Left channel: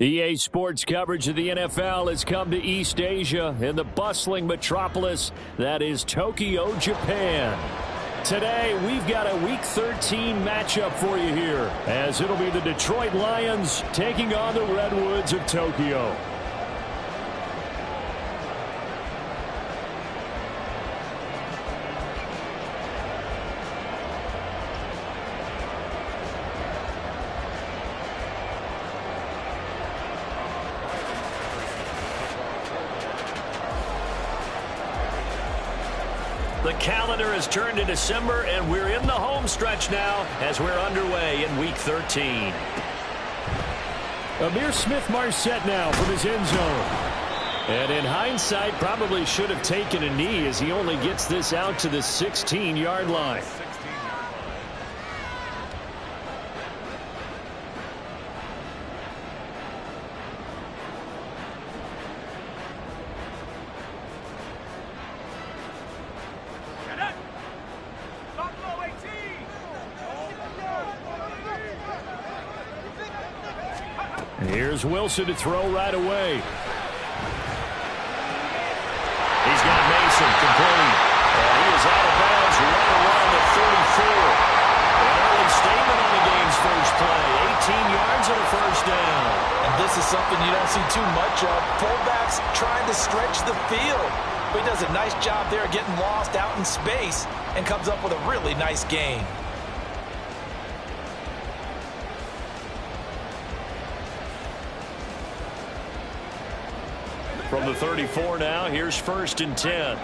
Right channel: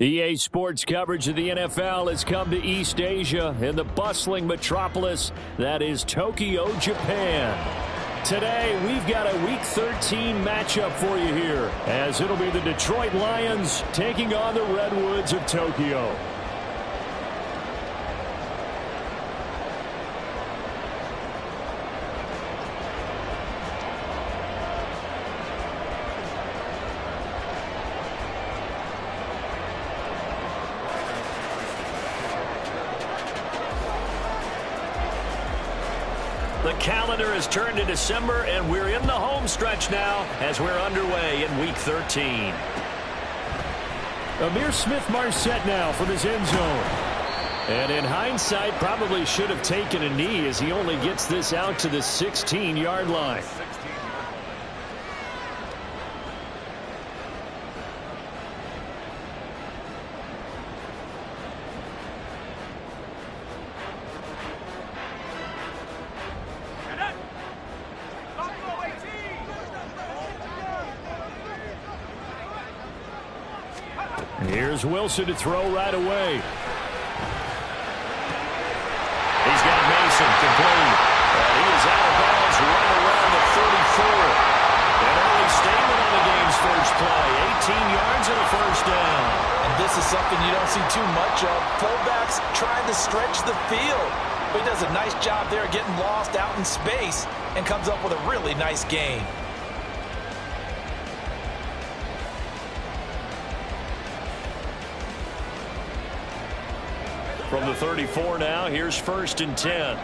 EA Sports coverage of the NFL has come to East Asia in the bustling metropolis that is Tokyo, Japan. Today, we've got a Week 13 matchup for you here, as it'll be the Detroit Lions taking on the Redwoods of Tokyo. The calendar has turned to December, and we're in the home stretch now as we're underway in Week 13. Amir Smith-Marset now from his end zone. And in hindsight, probably should have taken a knee as he only gets this out to the 16-yard line. Here's Wilson to throw right away. He's got Mason complete. And he is out of bounds right around the 34. An early statement on the game's first play. 18 yards and a first down. And this is something you don't see too much of. Fullbacks trying to stretch the field. But he does a nice job there getting lost out in space and comes up with a really nice gain. From the 34 now, here's 1st and 10.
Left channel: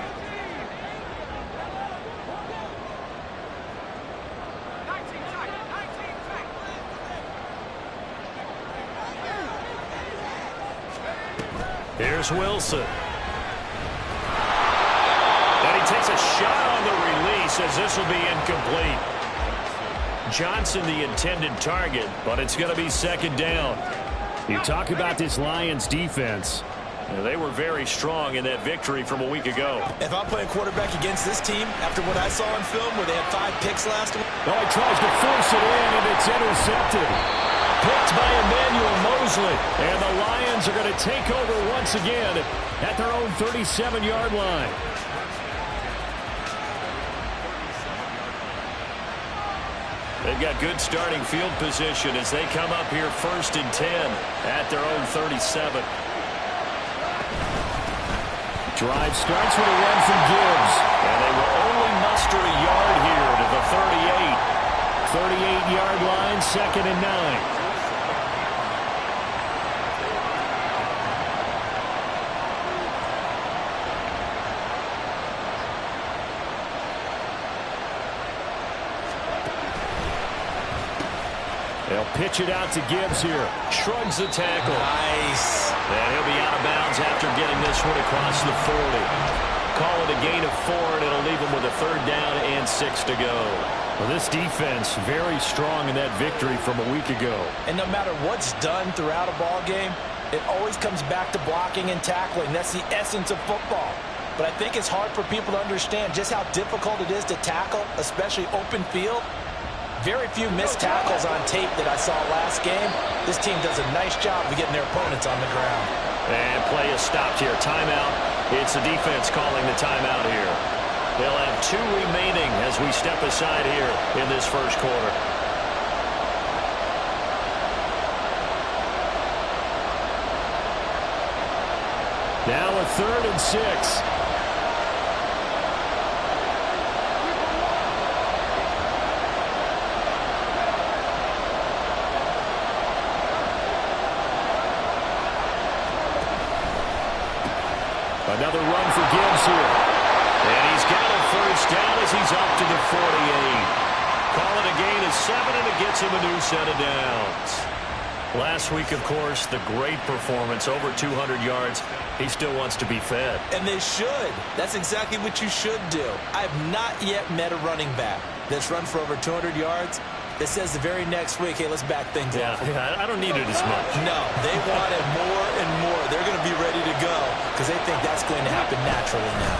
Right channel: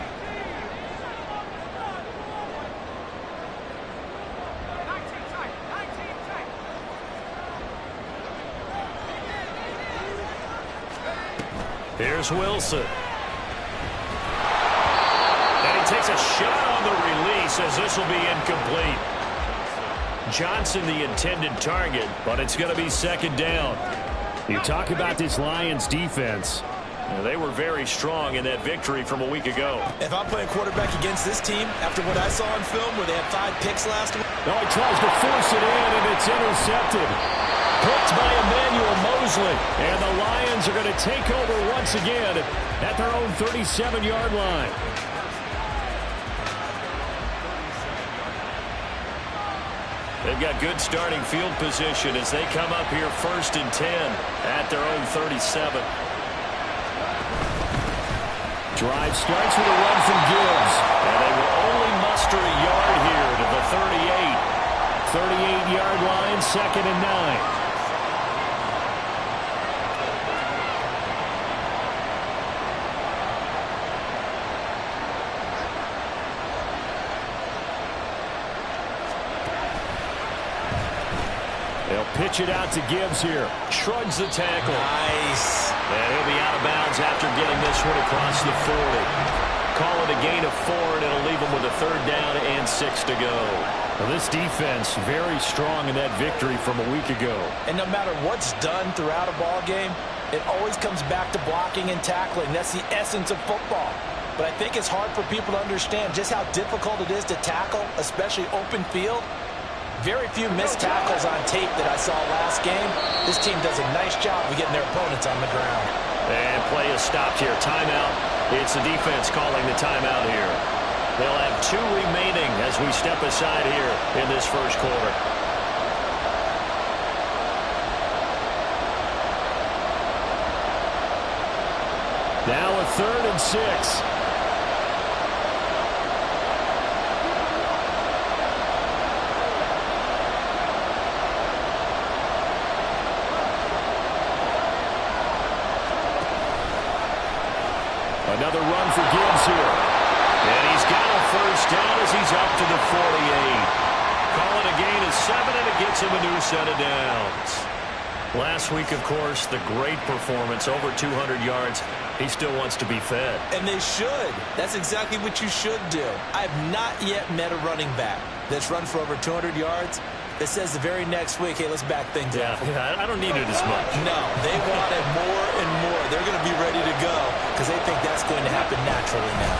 Here's Wilson. And he takes a shot on the release as this will be incomplete. Johnson the intended target, but it's going to be 2nd down. You talk about this Lions defense. They were very strong in that victory from a week ago. If I'm playing quarterback against this team, after what I saw in film where they had 5 picks last week. No, he tries to force it in, and it's intercepted. Picked by Emmanuel Mosley. And the Lions are going to take over once again at their own 37-yard line. They've got good starting field position as they come up here 1st and 10 at their own 37. Drive starts with a run from Gibbs. And they will only muster a yard here to the 38. 38-yard line, 2nd and 9. They'll pitch it out to Gibbs here. Shrugs the tackle. Nice. And he'll be out of bounds after getting this one across the 40. Call it a gain of 4, and it'll leave them with a 3rd down and 6 to go. Well, this defense very strong in that victory from a week ago. And no matter what's done throughout a ball game, it always comes back to blocking and tackling. That's the essence of football. But I think it's hard for people to understand just how difficult it is to tackle, especially open field. Very few missed tackles on tape that I saw last game. This team does a nice job of getting their opponents on the ground. And play is stopped here. Timeout. It's the defense calling the timeout here. They'll have 2 remaining as we step aside here in this first quarter. Now a 3rd and 6. Another run for Gibbs here. And he's got a 1st down as he's up to the 48. Call it a gain of 7, and it gets him a new set of downs. Last week, of course, the great performance, over 200 yards. He still wants to be fed. And they should. That's exactly what you should do. I have not yet met a running back that's run for over 200 yards that says the very next week, hey, let's back things up. Yeah, I don't need it as much. No, they want it more and more. They're going to be ready to go because they think that's going to happen naturally now.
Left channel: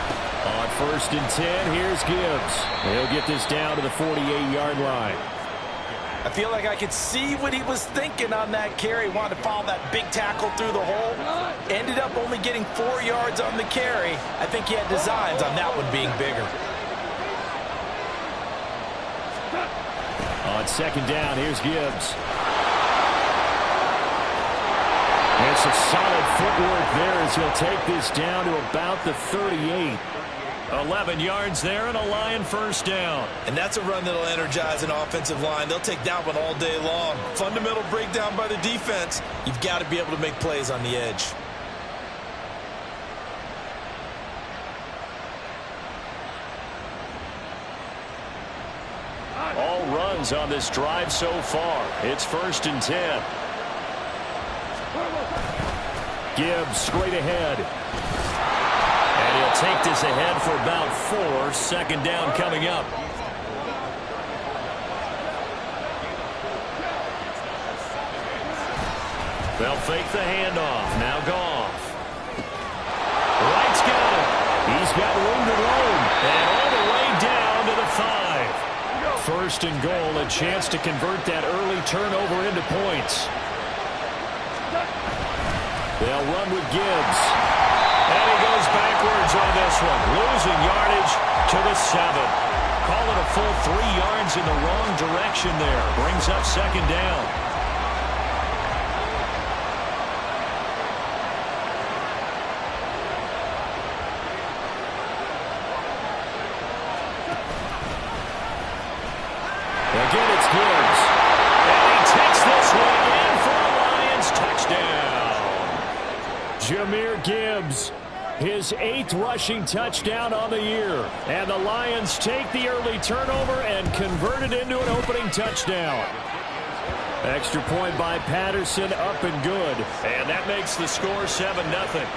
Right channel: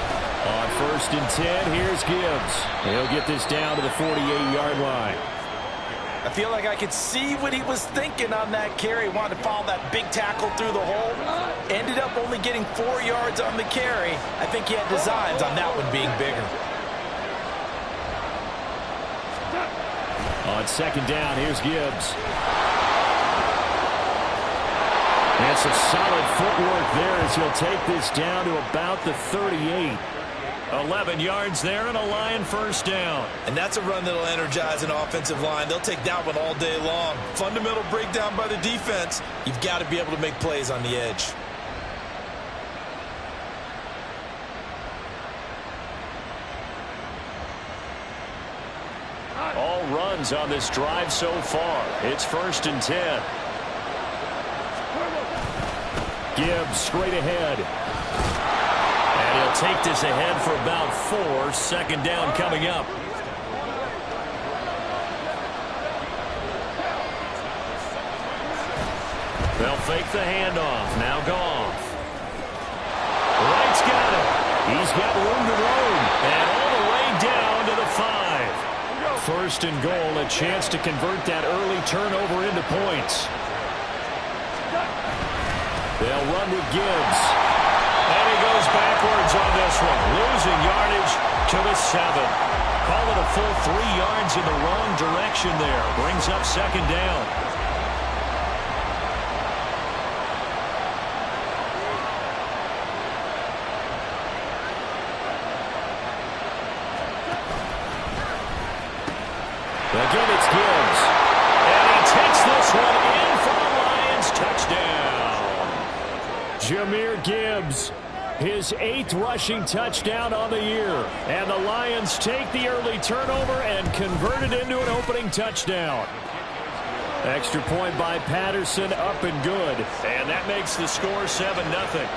On 1st and 10, here's Gibbs. He'll get this down to the 48-yard line. I feel like I could see what he was thinking on that carry. Wanted to follow that big tackle through the hole. Ended up only getting 4 yards on the carry. I think he had designs on that one being bigger. On second down, here's Gibbs. It's a solid footwork there as he'll take this down to about the 38. 11 yards there and a Lion first down. And that's a run that'll energize an offensive line. They'll take that one all day long. Fundamental breakdown by the defense. You've got to be able to make plays on the edge. All runs on this drive so far. It's 1st and 10. Gibbs straight ahead. And he'll take this ahead for about 4. Second down coming up. They'll fake the handoff. Now Goff. Wright's got it. He's got room to roam. And all the way down to the 5. 1st and goal, a chance to convert that early turnover into points. They'll run with Gibbs. And he goes backwards on this one. Losing yardage to the 7. Call it a full 3 yards in the wrong direction there. Brings up second down. Again, it's Gibbs. And he takes this one in for a Lions touchdown. Jahmyr Gibbs, his 8th rushing touchdown on the year. And the Lions take the early turnover and convert it into an opening touchdown. Extra point by Patterson, up and good. And that makes the score 7-0.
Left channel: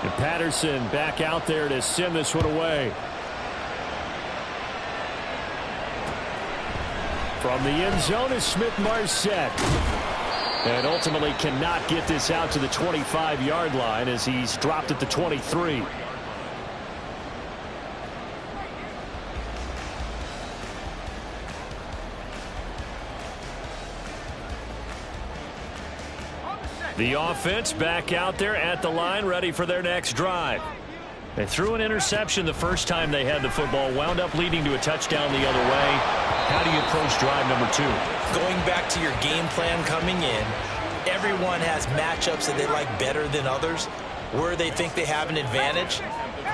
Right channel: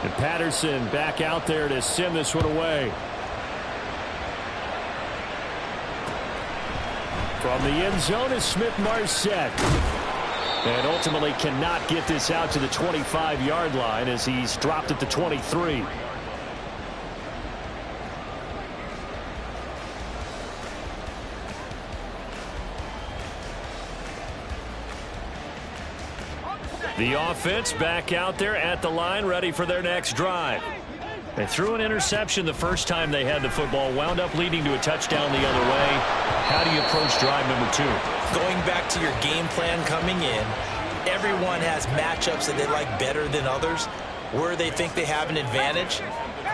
And Patterson back out there to send this one away. From the end zone is Smith-Marset. And ultimately cannot get this out to the 25-yard line as he's dropped at the 23. The offense back out there at the line, ready for their next drive. They threw an interception the first time they had the football, wound up leading to a touchdown the other way. How do you approach drive number 2? Going back to your game plan coming in, everyone has matchups that they like better than others. Where they think they have an advantage,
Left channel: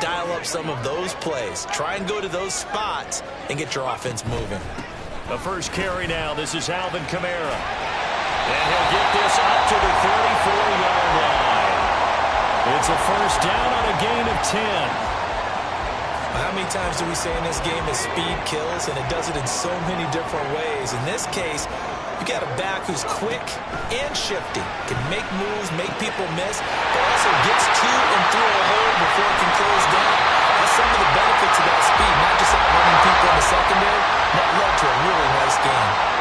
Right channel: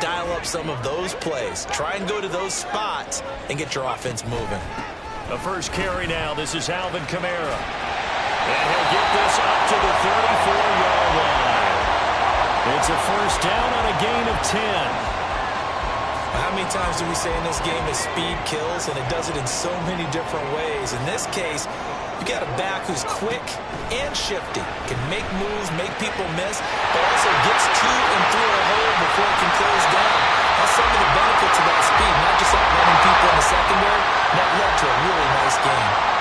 dial up some of those plays. Try and go to those spots and get your offense moving. The first carry now. This is Alvin Kamara. And he'll get this up to the 34-yard line. It's a first down on a gain of 10. How many times do we say in this game that speed kills, and it does it in so many different ways? In this case, you got a back who's quick and shifty, can make moves, make people miss, but also gets to and through a hole before it can close down. That's some of the benefits of that speed, not just outrunning people in the secondary. That led to a really nice game.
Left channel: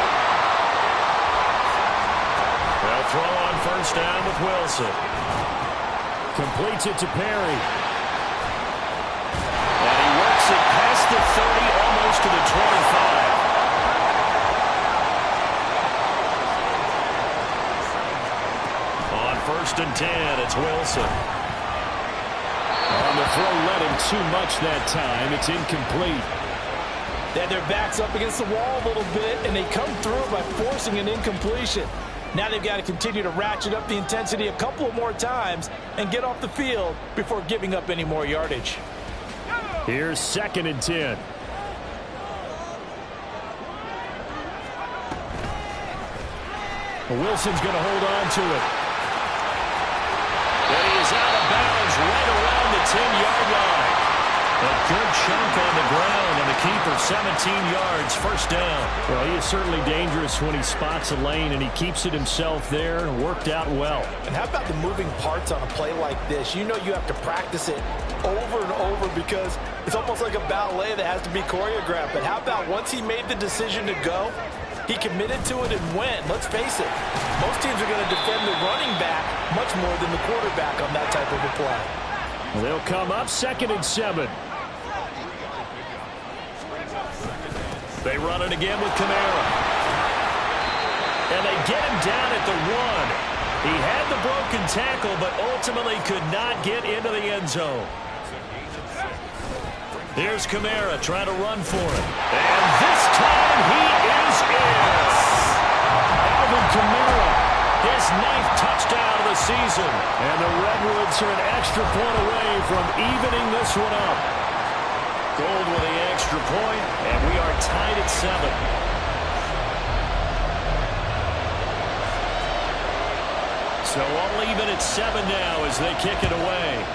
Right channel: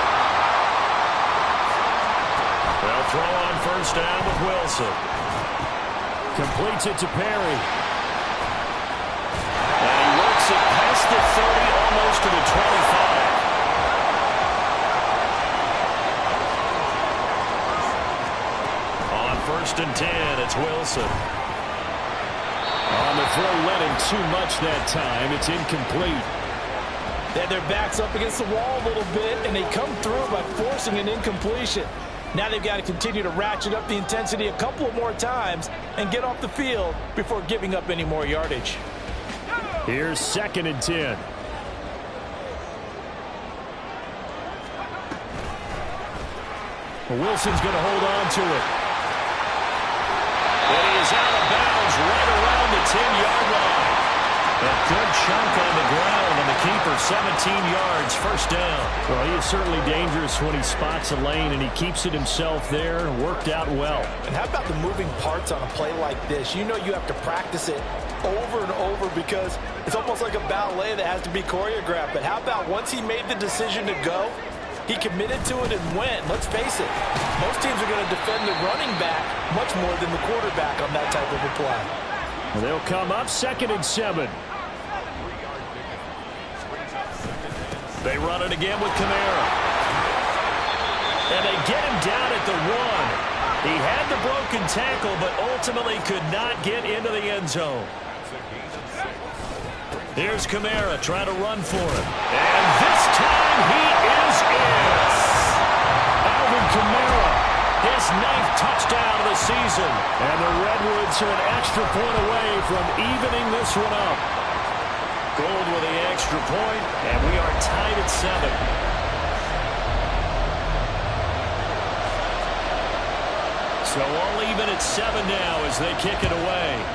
They'll throw on first down with Wilson. Completes it to Perry. And he works it past the 30, almost to the 25. On 1st and 10, it's Wilson. On the throw, led him too much that time. It's incomplete. They had their backs up against the wall a little bit, and they come through by forcing an incompletion. Now they've got to continue to ratchet up the intensity a couple of more times and get off the field before giving up any more yardage. Here's 2nd and 10. Wilson's going to hold on to it. And he is out of bounds right around the 10-yard line. A good chunk on the ground, and the keeper 17 yards, first down. Well, he is certainly dangerous when he spots a lane, and he keeps it himself there. Worked out well. And how about the moving parts on a play like this? You know you have to practice it over and over because it's almost like a ballet that has to be choreographed. But how about once he made the decision to go, he committed to it and went. Let's face it, most teams are going to defend the running back much more than the quarterback on that type of a play. They'll come up 2nd and 7. They run it again with Kamara. And they get him down at the 1. He had the broken tackle, but ultimately could not get into the end zone. Here's Kamara trying to run for it. And this time he is in. Alvin Kamara, his 9th touchdown of the season. And the Redwoods are an extra point away from evening this one up. Gold with the extra point, and we are tied at 7. So all even at 7 now as they kick it away.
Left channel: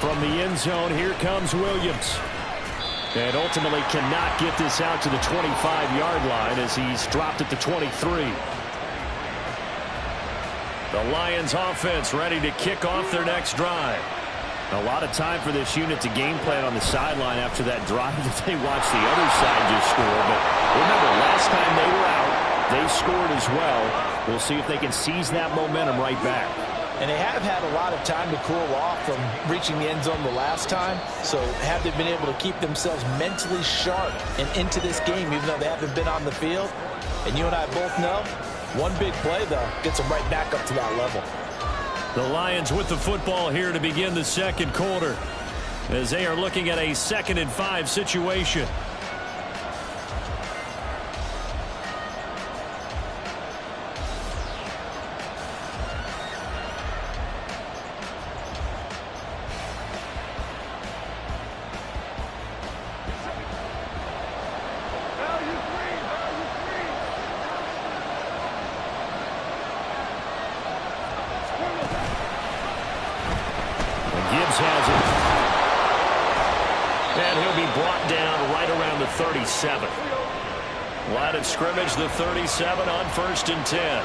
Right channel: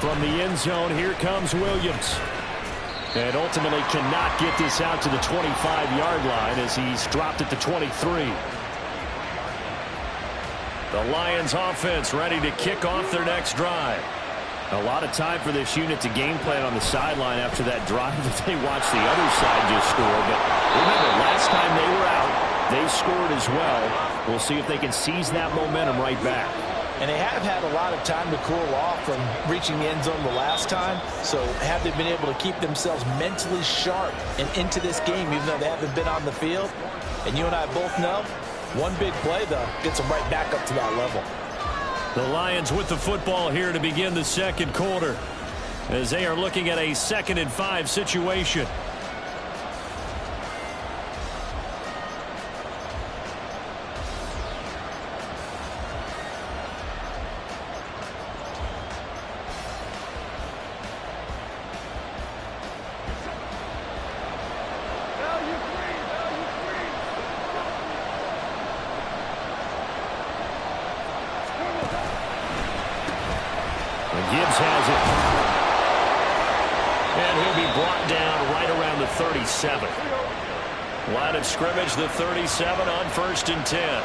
From the end zone, here comes Williams. And ultimately cannot get this out to the 25-yard line as he's dropped at the 23. The Lions offense ready to kick off their next drive. A lot of time for this unit to game plan on the sideline after that drive that they watched the other side just score. But remember, last time they were out, they scored as well. We'll see if they can seize that momentum right back. And they have had a lot of time to cool off from reaching the end zone the last time. So have they been able to keep themselves mentally sharp and into this game even though they haven't been on the field? And you and I both know, one big play, though, gets them right back up to that level. The Lions with the football here to begin the second quarter as they are looking at a 2nd and 5 situation. Gibbs has it. And he'll be brought down right around the 37. Line of scrimmage, the 37 on 1st and 10.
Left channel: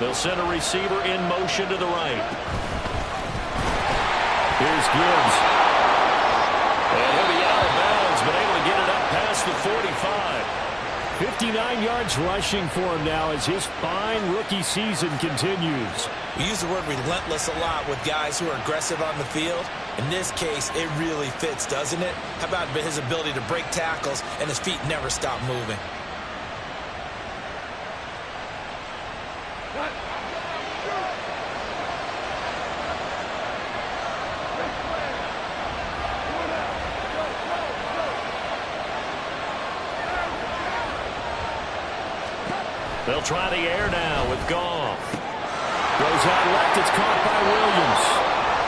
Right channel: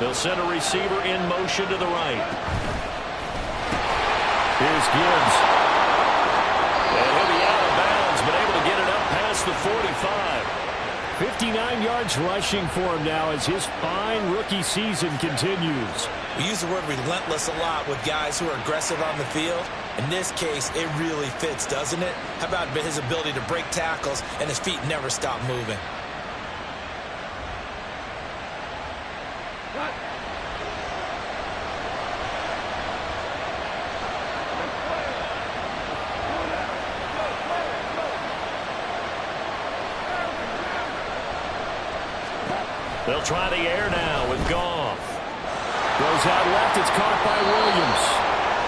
They'll send a receiver in motion to the right. Here's Gibbs. And he'll be out of bounds, but able to get it up past the 45. 59 yards rushing for him now as his fine rookie season continues. We use the word relentless a lot with guys who are aggressive on the field. In this case, it really fits, doesn't it? How about his ability to break tackles and his feet never stop moving? They'll try the air now with Goff. Goes out left. It's caught by Williams.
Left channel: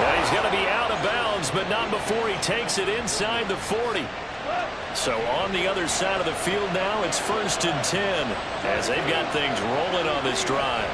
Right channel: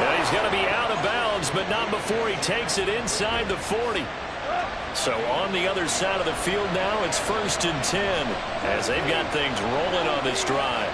And he's going to be out of bounds, but not before he takes it inside the 40. So on the other side of the field now, it's 1st and 10 as they've got things rolling on this drive.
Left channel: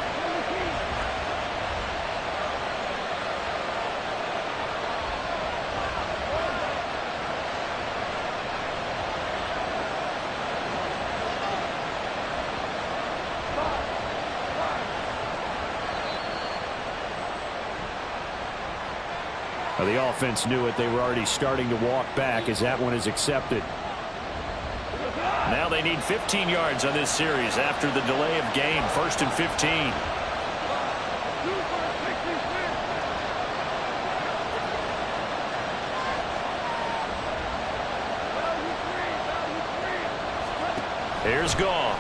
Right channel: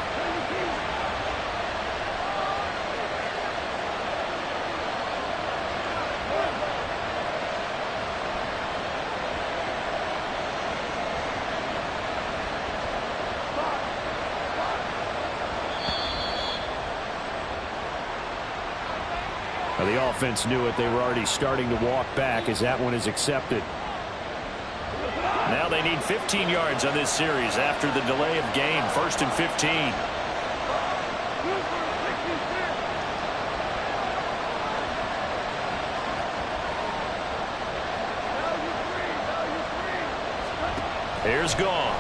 Well, the offense knew it. They were already starting to walk back as that one is accepted. Now they need 15 yards on this series after the delay of game. 1st and 15. Here's Goff.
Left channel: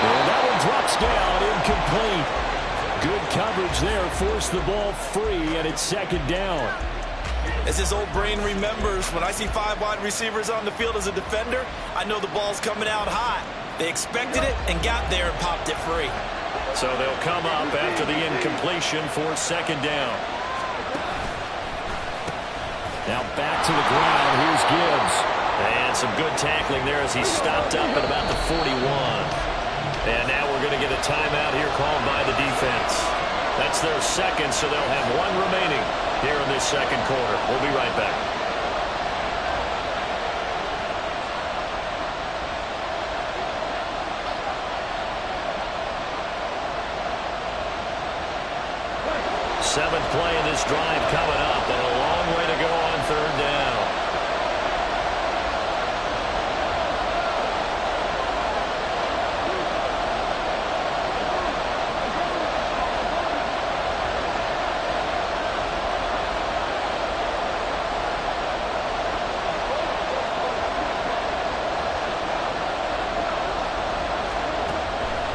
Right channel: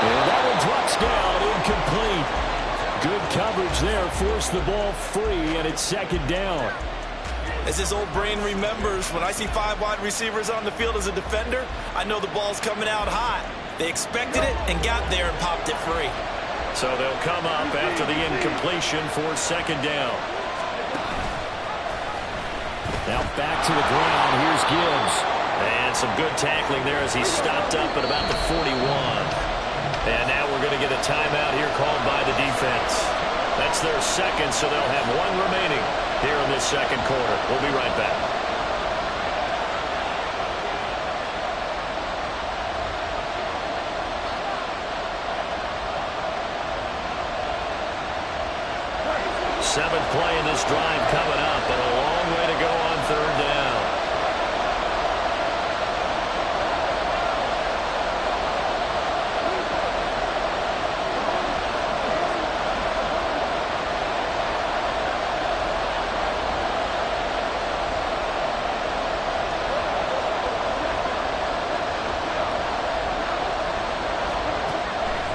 And that one drops down, incomplete. Good coverage there, forced the ball free, and it's 2nd down. As his old brain remembers, when I see 5 wide receivers on the field as a defender, I know the ball's coming out hot. They expected it and got there and popped it free. So they'll come up after the incompletion for 2nd down. Now back to the ground. Here's Gibbs. And some good tackling there as he stopped up at about the 41. And now we're going to get a timeout here called by the defense. That's their 2nd, so they'll have 1 remaining here in this 2nd quarter. We'll be right back. Seventh play in this drive coming up, but a long way to go on third down.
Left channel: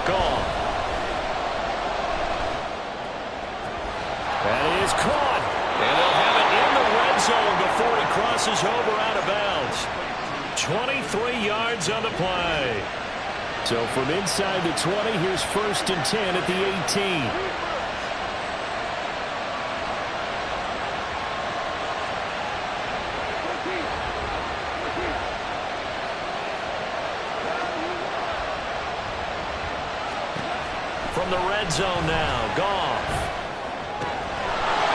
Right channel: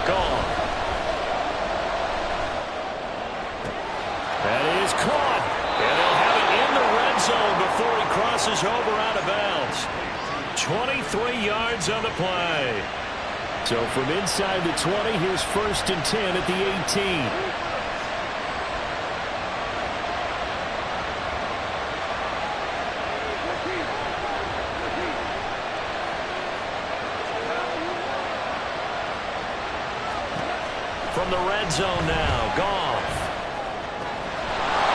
Gone. That is caught. And they'll have it in the red zone before he crosses over out of bounds. 23 yards on the play. So from inside the 20, here's 1st and 10 at the 18. From the red zone now, Goff.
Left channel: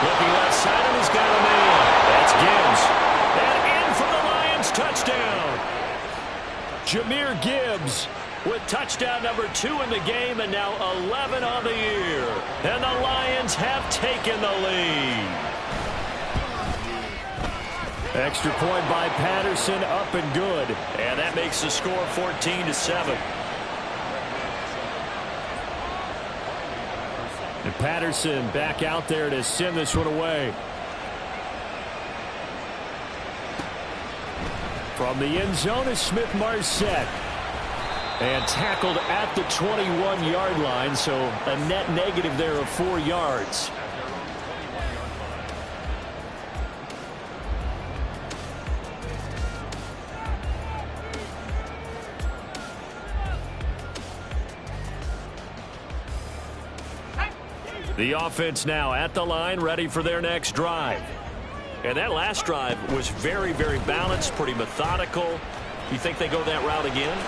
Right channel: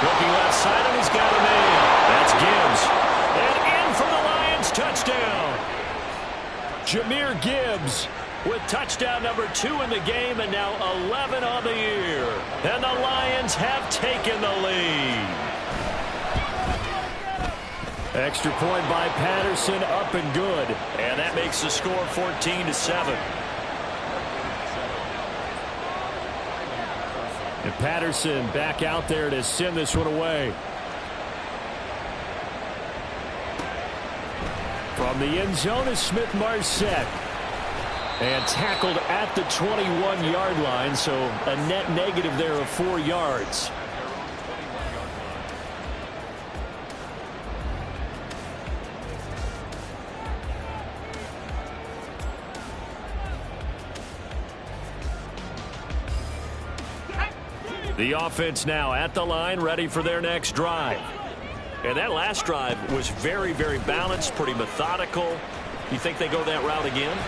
Looking left side, and he's got a man. That's Gibbs. And in for the Lions, touchdown. Jahmyr Gibbs with touchdown number 2 in the game, and now 11 on the year. And the Lions have taken the lead. Extra point by Patterson, up and good. And that makes the score 14-7. And Patterson back out there to send this one away. From the end zone is Smith-Marset. And tackled at the 21-yard line, so a net negative there of 4 yards. The offense now at the line, ready for their next drive. And that last drive was very, very balanced, pretty methodical. You think they go that route again?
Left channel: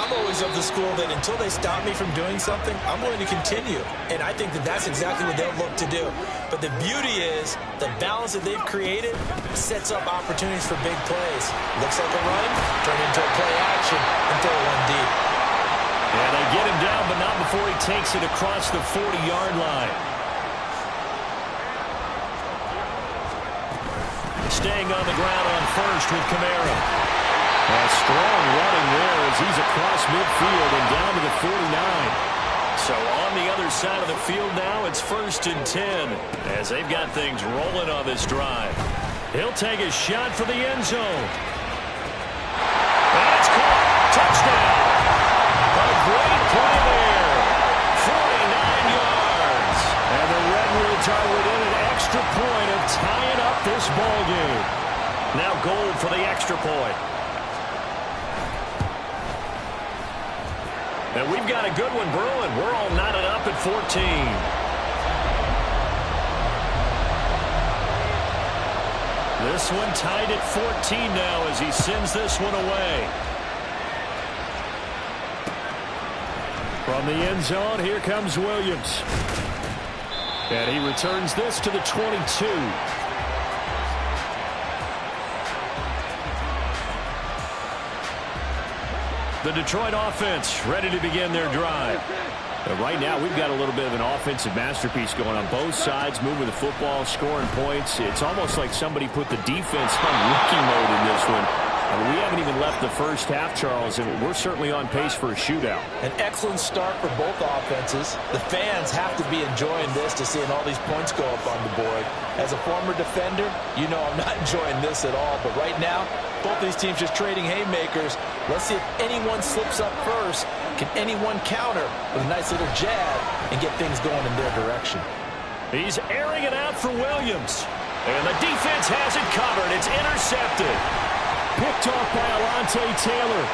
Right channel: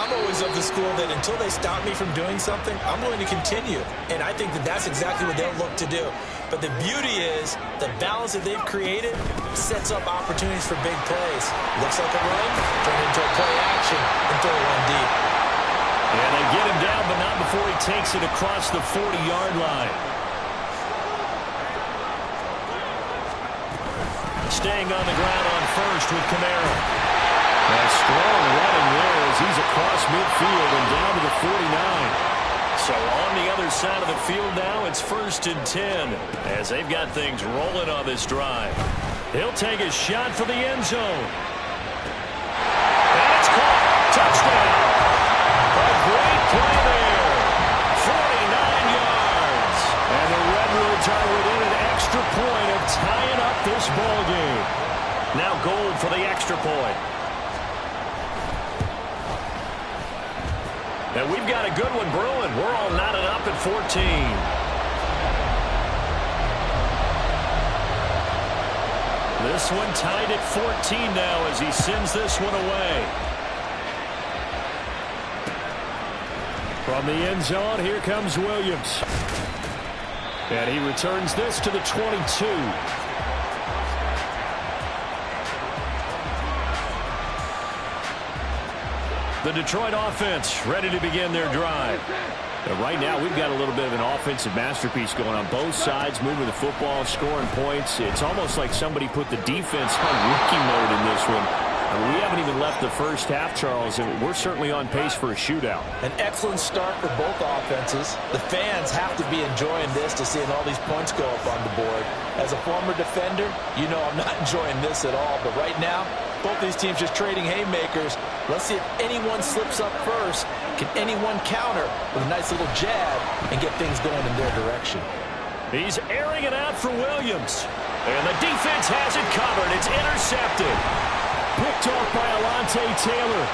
I'm always of the school that until they stop me from doing something, I'm going to continue. And I think that that's exactly what they'll look to do. But the beauty is the balance that they've created sets up opportunities for big plays. Looks like a run, turn into a play action, and throw one deep. Yeah, they get him down, but not before he takes it across the 40-yard line. Staying on the ground on first with Kamara. A strong running there as he's across midfield and down to the 49. So on the other side of the field now, it's 1st and 10 as they've got things rolling on this drive. He'll take a shot for the end zone. And it's caught. Touchdown. A great play there. 49 yards. And the Redwoods are within an extra point of tying up this ball game. Now Gold for the extra point. And we've got a good one brewing. We're all knotted up at 14. This one tied at 14 now as he sends this one away. From the end zone, here comes Williams. And he returns this to the 22. The Detroit offense ready to begin their drive. Right now, we've got a little bit of an offensive masterpiece going on both sides, moving the football, scoring points. It's almost like somebody put the defense on rookie mode in this one. I mean, we haven't even left the first half, Charles, and we're certainly on pace for a shootout. An excellent start for both offenses. The fans have to be enjoying this to seeing all these points go up on the board. As a former defender, you know I'm not enjoying this at all. But right now, both these teams just trading haymakers. Let's see if anyone slips up first. Can anyone counter with a nice little jab and get things going in their direction? He's airing it out for Williams. And the defense has it covered. It's intercepted. Picked off by Alontae Taylor.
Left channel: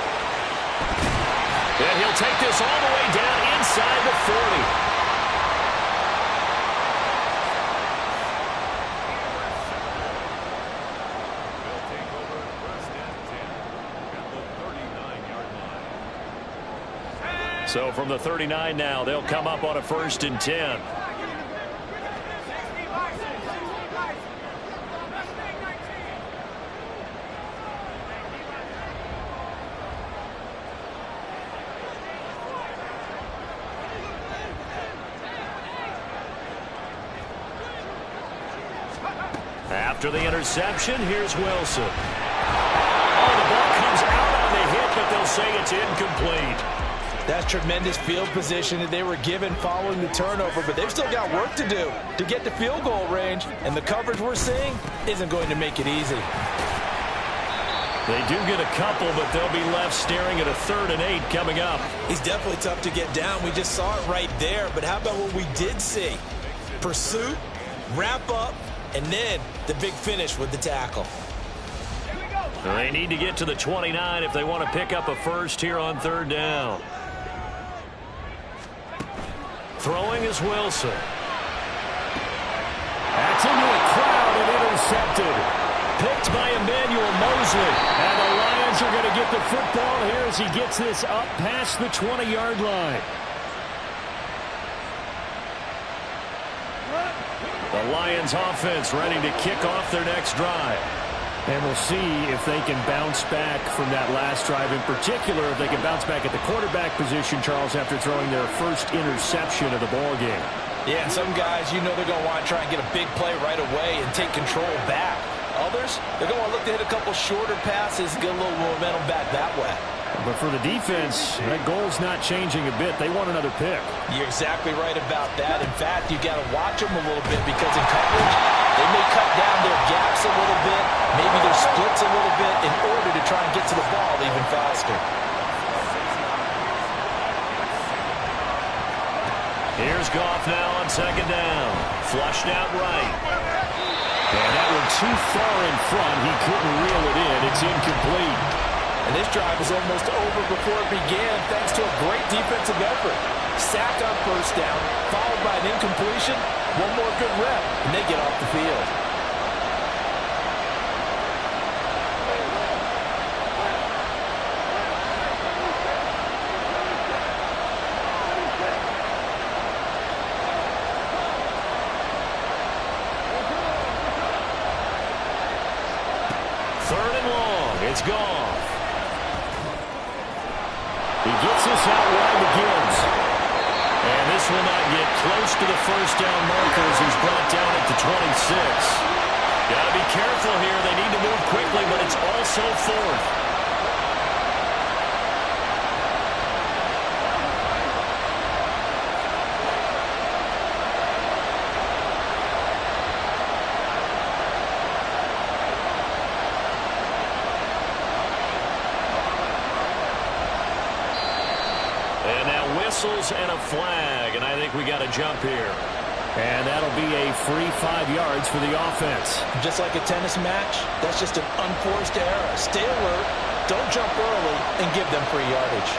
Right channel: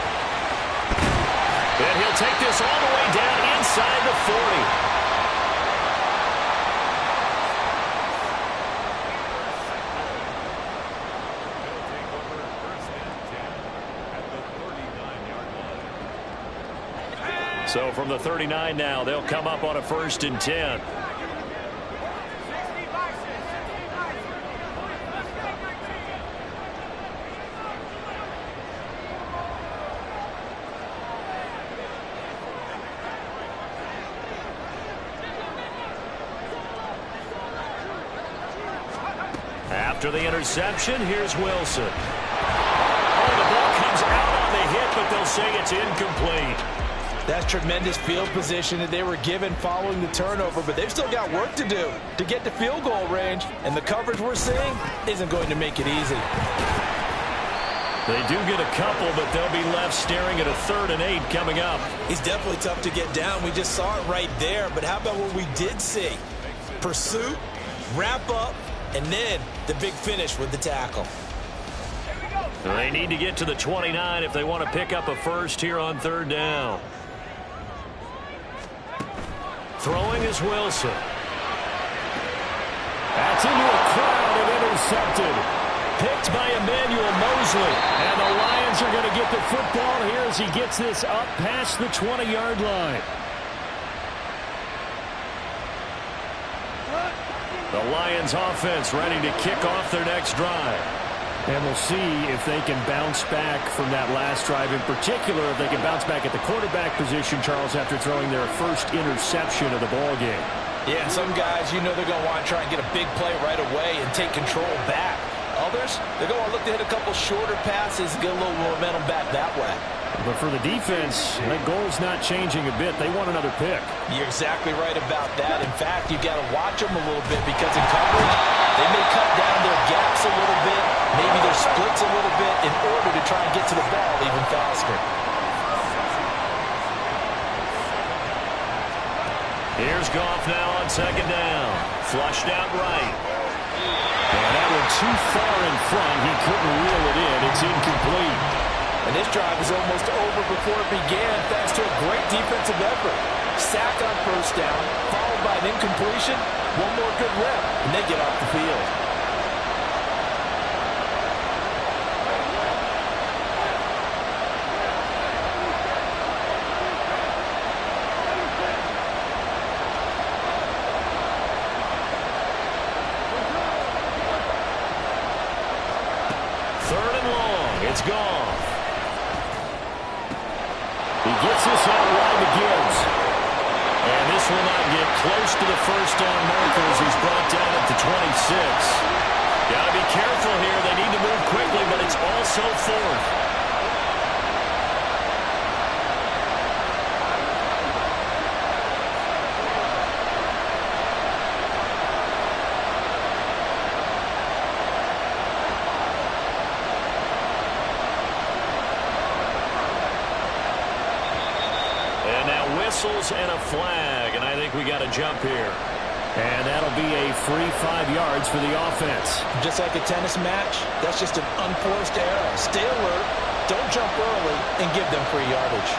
And he'll take this all the way down inside the 40. They'll take over 1st and 10 at the 39-yard line. So from the 39 now, they'll come up on a 1st and 10. After the interception, here's Wilson. Oh, the ball comes out on the hit, but they'll say it's incomplete. That's tremendous field position that they were given following the turnover, but they've still got work to do to get to field goal range, and the coverage we're seeing isn't going to make it easy. They do get a couple, but they'll be left staring at a 3rd and 8 coming up. He's definitely tough to get down. We just saw it right there, but how about what we did see? Pursuit, wrap up, and then the big finish with the tackle. They need to get to the 29 if they want to pick up a first here on 3rd down. Throwing is Wilson. That's into a crowd and intercepted. Picked by Emmanuel Mosley. And the Lions are going to get the football here as he gets this up past the 20-yard line. The Lions offense ready to kick off their next drive. And we'll see if they can bounce back from that last drive. In particular, if they can bounce back at the quarterback position, Charles, after throwing their first interception of the ball game. Yeah, some guys, you know they're going to want to try and get a big play right away and take control back. Others, they're going to look to hit a couple shorter passes and get a little momentum back that way. But for the defense, that goal's not changing a bit. They want another pick. You're exactly right about that. In fact, you got to watch them a little bit because in coverage, they may cut down their gaps a little bit, maybe their splits a little bit in order to try and get to the ball even faster. Here's Goff now on 2nd down. Flushed out right. And that one too far in front. He couldn't reel it in. It's incomplete. And this drive is almost over before it began thanks to a great defensive effort. Sack on 1st down, followed by an incompletion. One more good rep, and they get off the field. Third and long. It's Goff. He gets this out wide to Gibbs. And this will not get close to the 1st down marker as he's brought down at the 26. Got to be careful here. They need to move quickly, but it's also 4th. And now whistles and a flag, and I think we got to jump here. And that'll be a free 5 yards for the offense. Just like a tennis match, that's just an unforced error. Stay alert, don't jump early, and give them free yardage.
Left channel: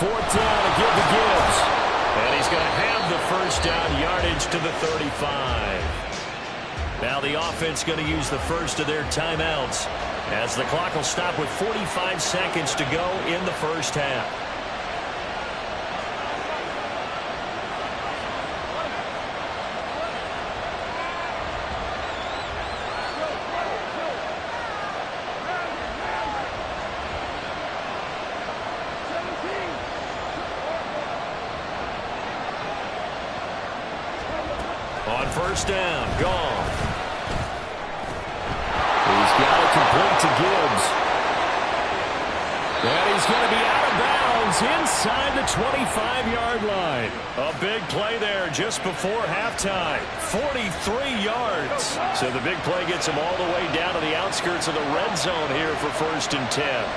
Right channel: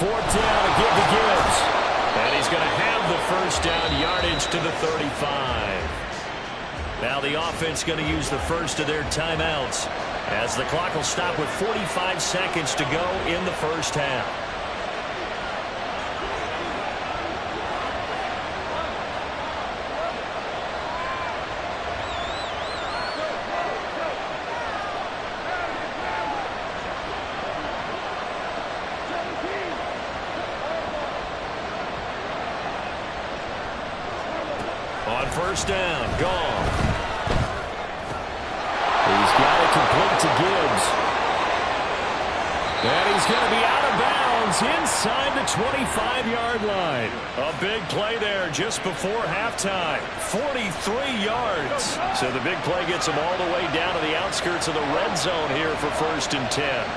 Fourth down to give to Gibbs. And he's going to have the 1st down yardage to the 35. Now the offense going to use the first of their timeouts as the clock will stop with 45 seconds to go in the 1st half. On 1st down, Goff. He's got it complete to Gibbs. And he's going to be out of bounds inside the 25-yard line. A big play there just before halftime. 43 yards. So the big play gets him all the way down to the outskirts of the red zone here for 1st and 10.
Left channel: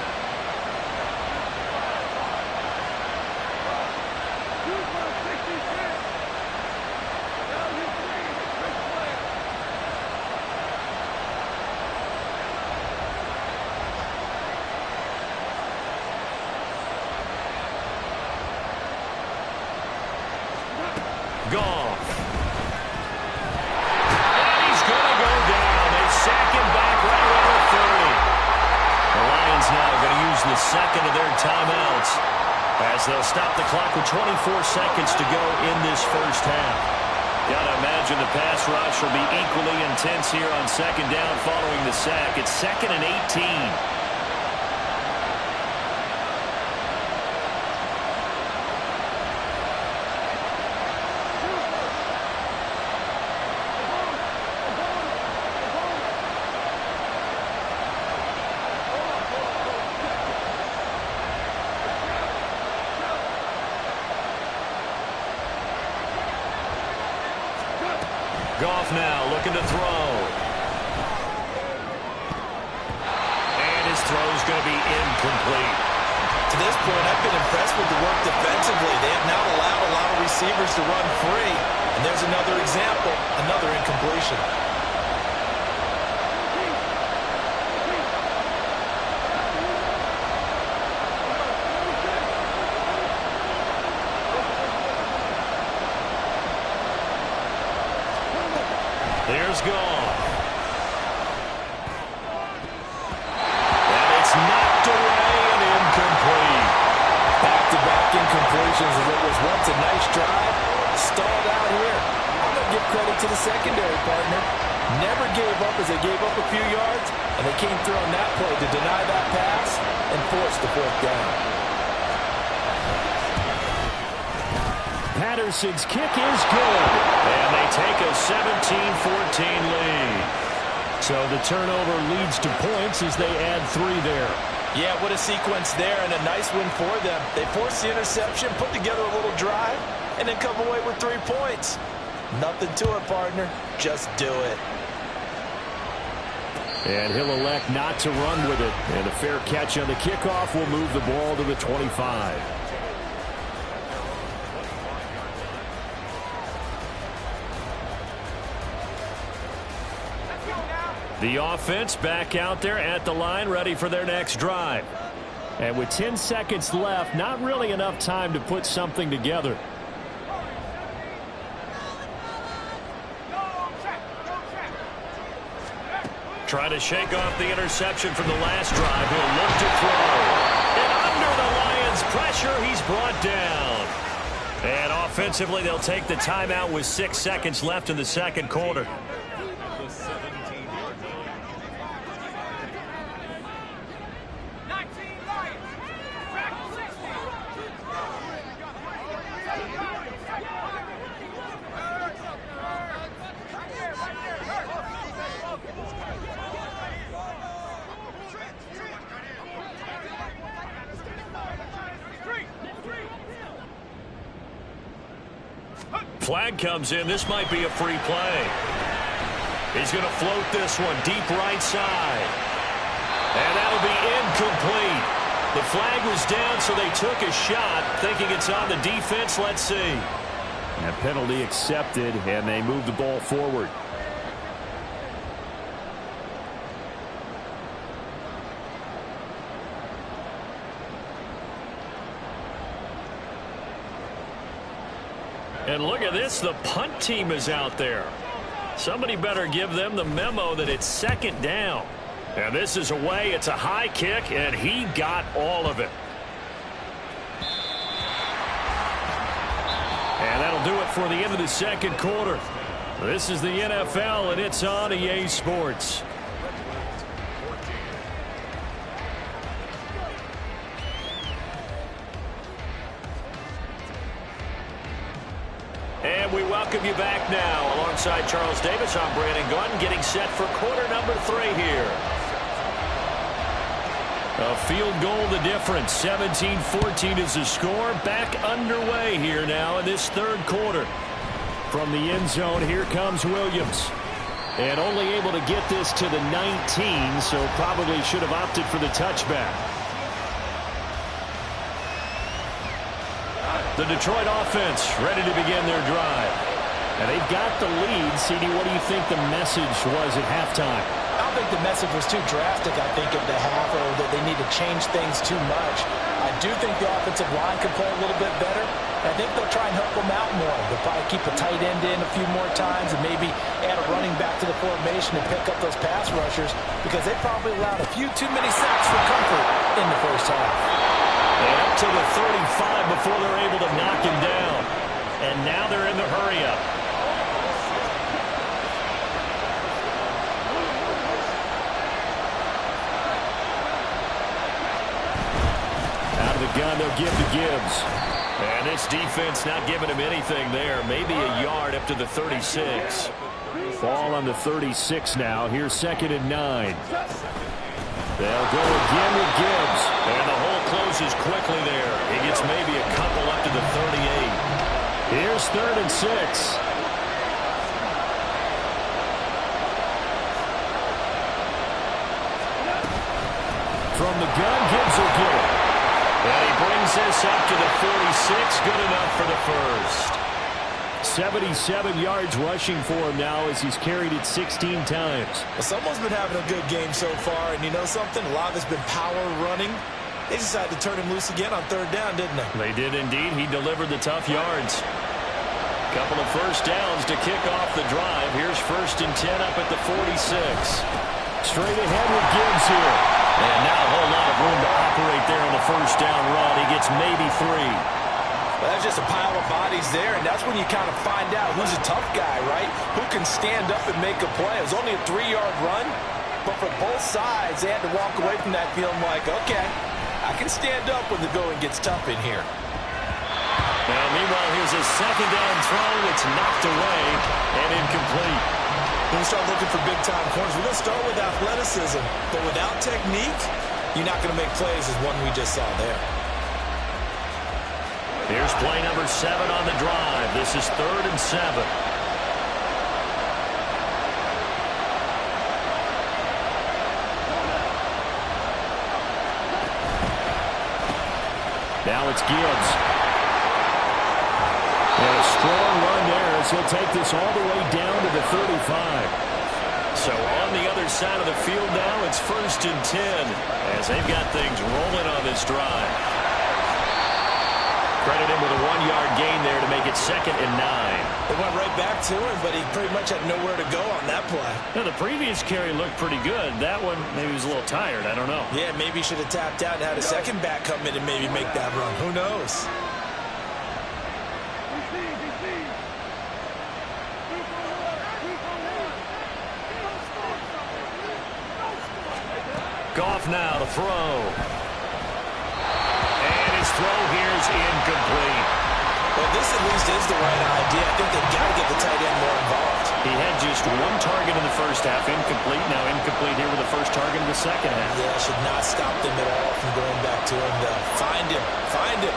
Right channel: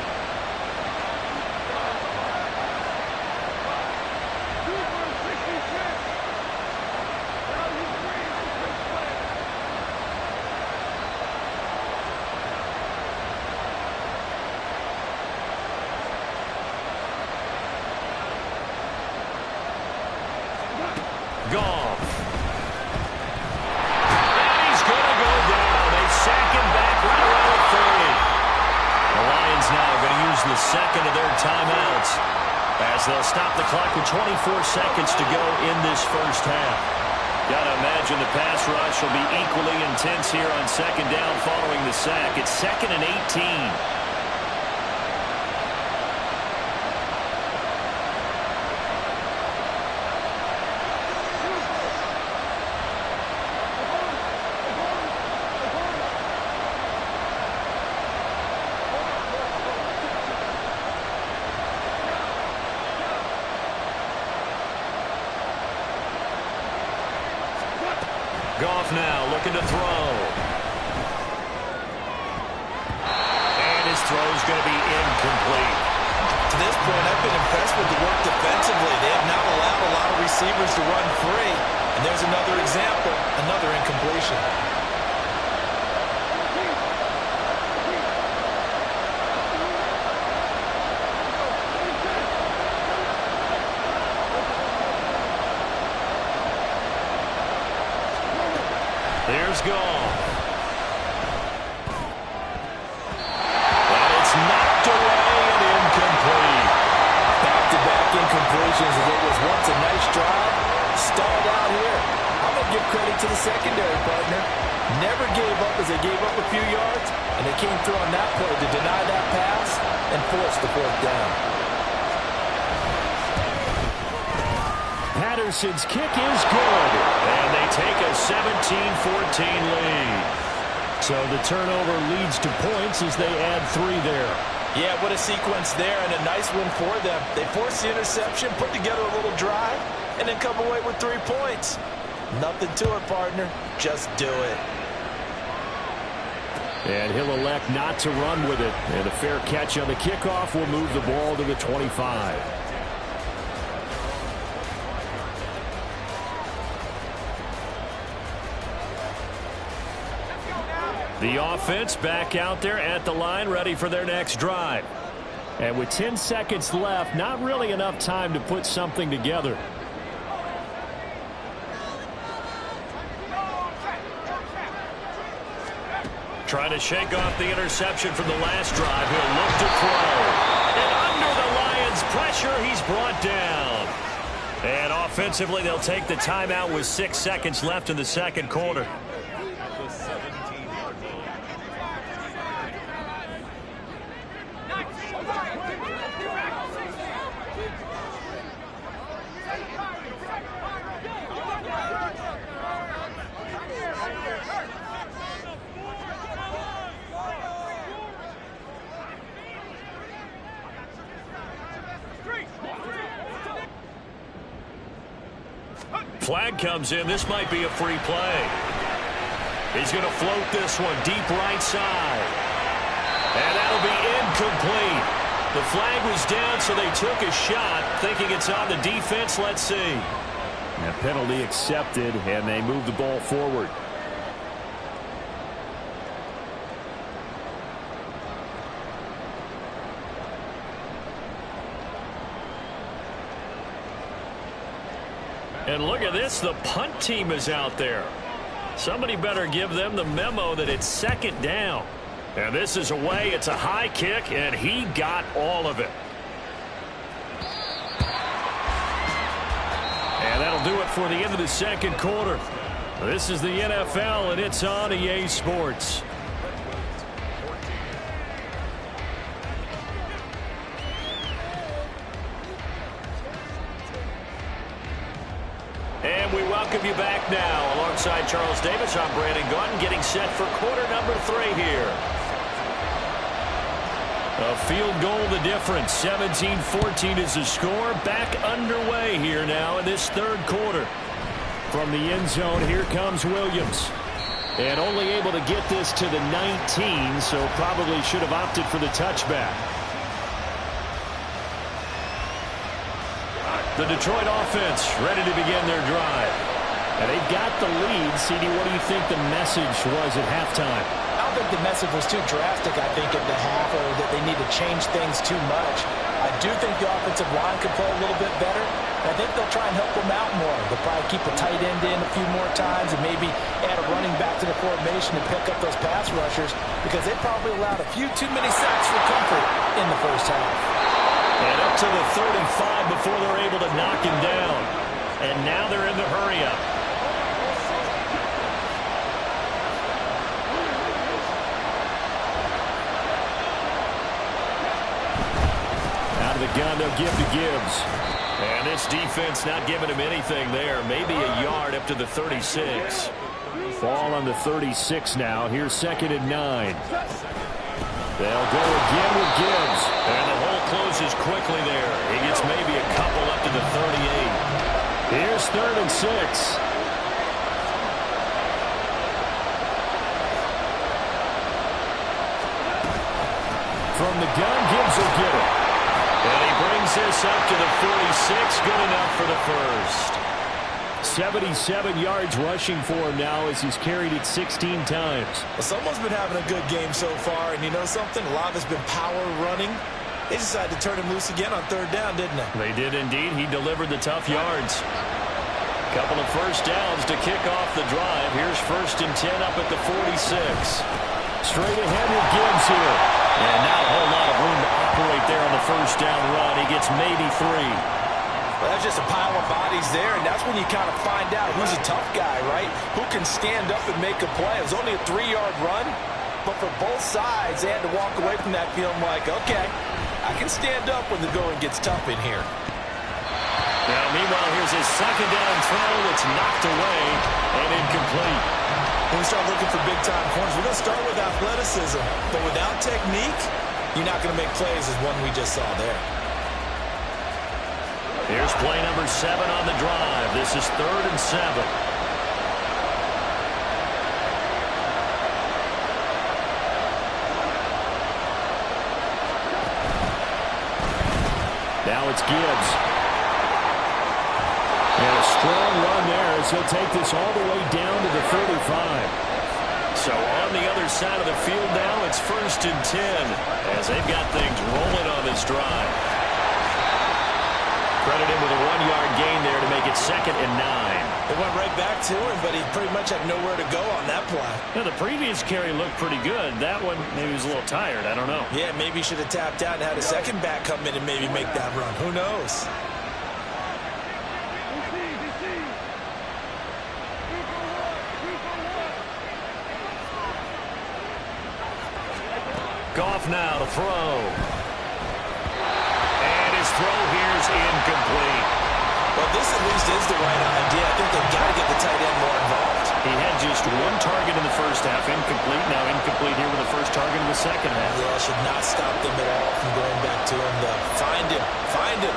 Goff. And he's going to go down. They sack him back right around the 30. The Lions now are going to use the 2nd of their timeouts As they'll stop the clock with 24 seconds to go in this first half. Got to imagine the pass rush will be equally intense here on second down following the sack. It's 2nd and 18. Goff now looking to throw. And his throw's going to be incomplete. To this point, I've been impressed with the work defensively. They have not allowed a lot of receivers to run free. And there's another example, another incompletion. There's Goff. And it's knocked away and incomplete. Back-to-back incompletions of what was once a nice drive. Stalled out here. I'm going to give credit to the secondary partner. Never gave up as they gave up a few yards, and they came through on that play to deny that pass and force the 4th down. Patterson's kick is good, and they take a 17-14 lead. So the turnover leads to points as they add 3 there. Yeah, what a sequence there, and a nice win for them. They forced the interception, put together a little drive, and then come away with 3 points. Nothing to it, partner. Just do it. And he'll elect not to run with it. And a fair catch on the kickoff will move the ball to the 25. The offense back out there at the line, ready for their next drive. And with 10 seconds left, not really enough time to put something together. Trying to shake off the interception from the last drive. He'll look to throw. And under the Lions' pressure, he's brought down. And offensively, they'll take the timeout with 6 seconds left in the second quarter. Flag comes in. This might be a free play. He's going to float this one deep right side. And that'll be incomplete. The flag was down, so they took a shot, thinking it's on the defense. Let's see. That penalty accepted, and they move the ball forward. And look at this, the punt team is out there. Somebody better give them the memo that it's 2nd down. And this is away, it's a high kick, and he got all of it. And that'll do it for the end of the second quarter. This is the NFL, and it's on EA Sports. And we welcome you back now. Alongside Charles Davis, I'm Brandon Gunn, getting set for quarter number 3 here. A field goal the difference. 17-14 is the score. Back underway here now in this third quarter. From the end zone, here comes Williams. And only able to get this to the 19, so probably should have opted for the touchback. The Detroit offense ready to begin their drive. And they've got the lead. CD, what do you think the message was at halftime? I don't think the message was too drastic, I think, at the half, or that they need to change things too much. I do think the offensive line can play a little bit better. And I think they'll try and help them out more. They'll probably keep a tight end in a few more times and maybe add a running back to the formation and pick up those pass rushers, because they probably allowed a few too many sacks for comfort in the first half. And up to the 35 before they're able to knock him down. And now they're in the hurry-up. Out of the gun, they'll give to Gibbs. And this defense not giving him anything there. Maybe a yard up to the 36. Ball on the 36 now. Here's 2nd and 9. They'll go again with Gibbs. And the hole closes quickly there. He gets maybe a couple up to the 38. Here's 3rd and 6. From the gun, Gibbs will get it. And he brings this up to the 46. Good enough for the first. 77 yards rushing for him now as he's carried it 16 times. Well, someone's been having a good game so far, and you know something? A lot of it's been power running. They decided to turn him loose again on 3rd down, didn't they? They did indeed. He delivered the tough yards. Couple of first downs to kick off the drive. Here's 1st and 10 up at the 46. Straight ahead with Gibbs here. And not a whole lot of room to operate there on the first down run. He gets maybe 3. Well, that's just a pile of bodies there, and that's when you kind of find out who's a tough guy, right? Who can stand up and make a play. It was only a 3-yard run, but for both sides, they had to walk away from that feeling like, okay, I can stand up when the going gets tough in here. Now, meanwhile, here's his 2nd down throw. It's knocked away and incomplete. When we start looking for big-time corners, we're going to start with athleticism, but without technique, you're not going to make plays as one we just saw there. Here's play number 7 on the drive. This is 3rd and 7. Now it's Gibbs. And a strong run there as he'll take this all the way down to the 35. So on the other side of the field now, it's 1st and 10 as they've got things rolling on this drive. Credit him with a 1-yard gain there to make it 2nd and 9. They went right back to him, but he pretty much had nowhere to go on that play. Now, the previous carry looked pretty good. That one, maybe he was a little tired. I don't know. Yeah, maybe he should have tapped out and had a second back come in and maybe make that run. Who knows? Goff now to throw. And his throw here's incomplete. Well, this at least is the right idea. I think they've got to get the tight end more involved. He had just 1 target in the first half, incomplete. Now incomplete here with the first target in the second half. Yeah, should not stop them at all from going back to him, though. Find him. Find him.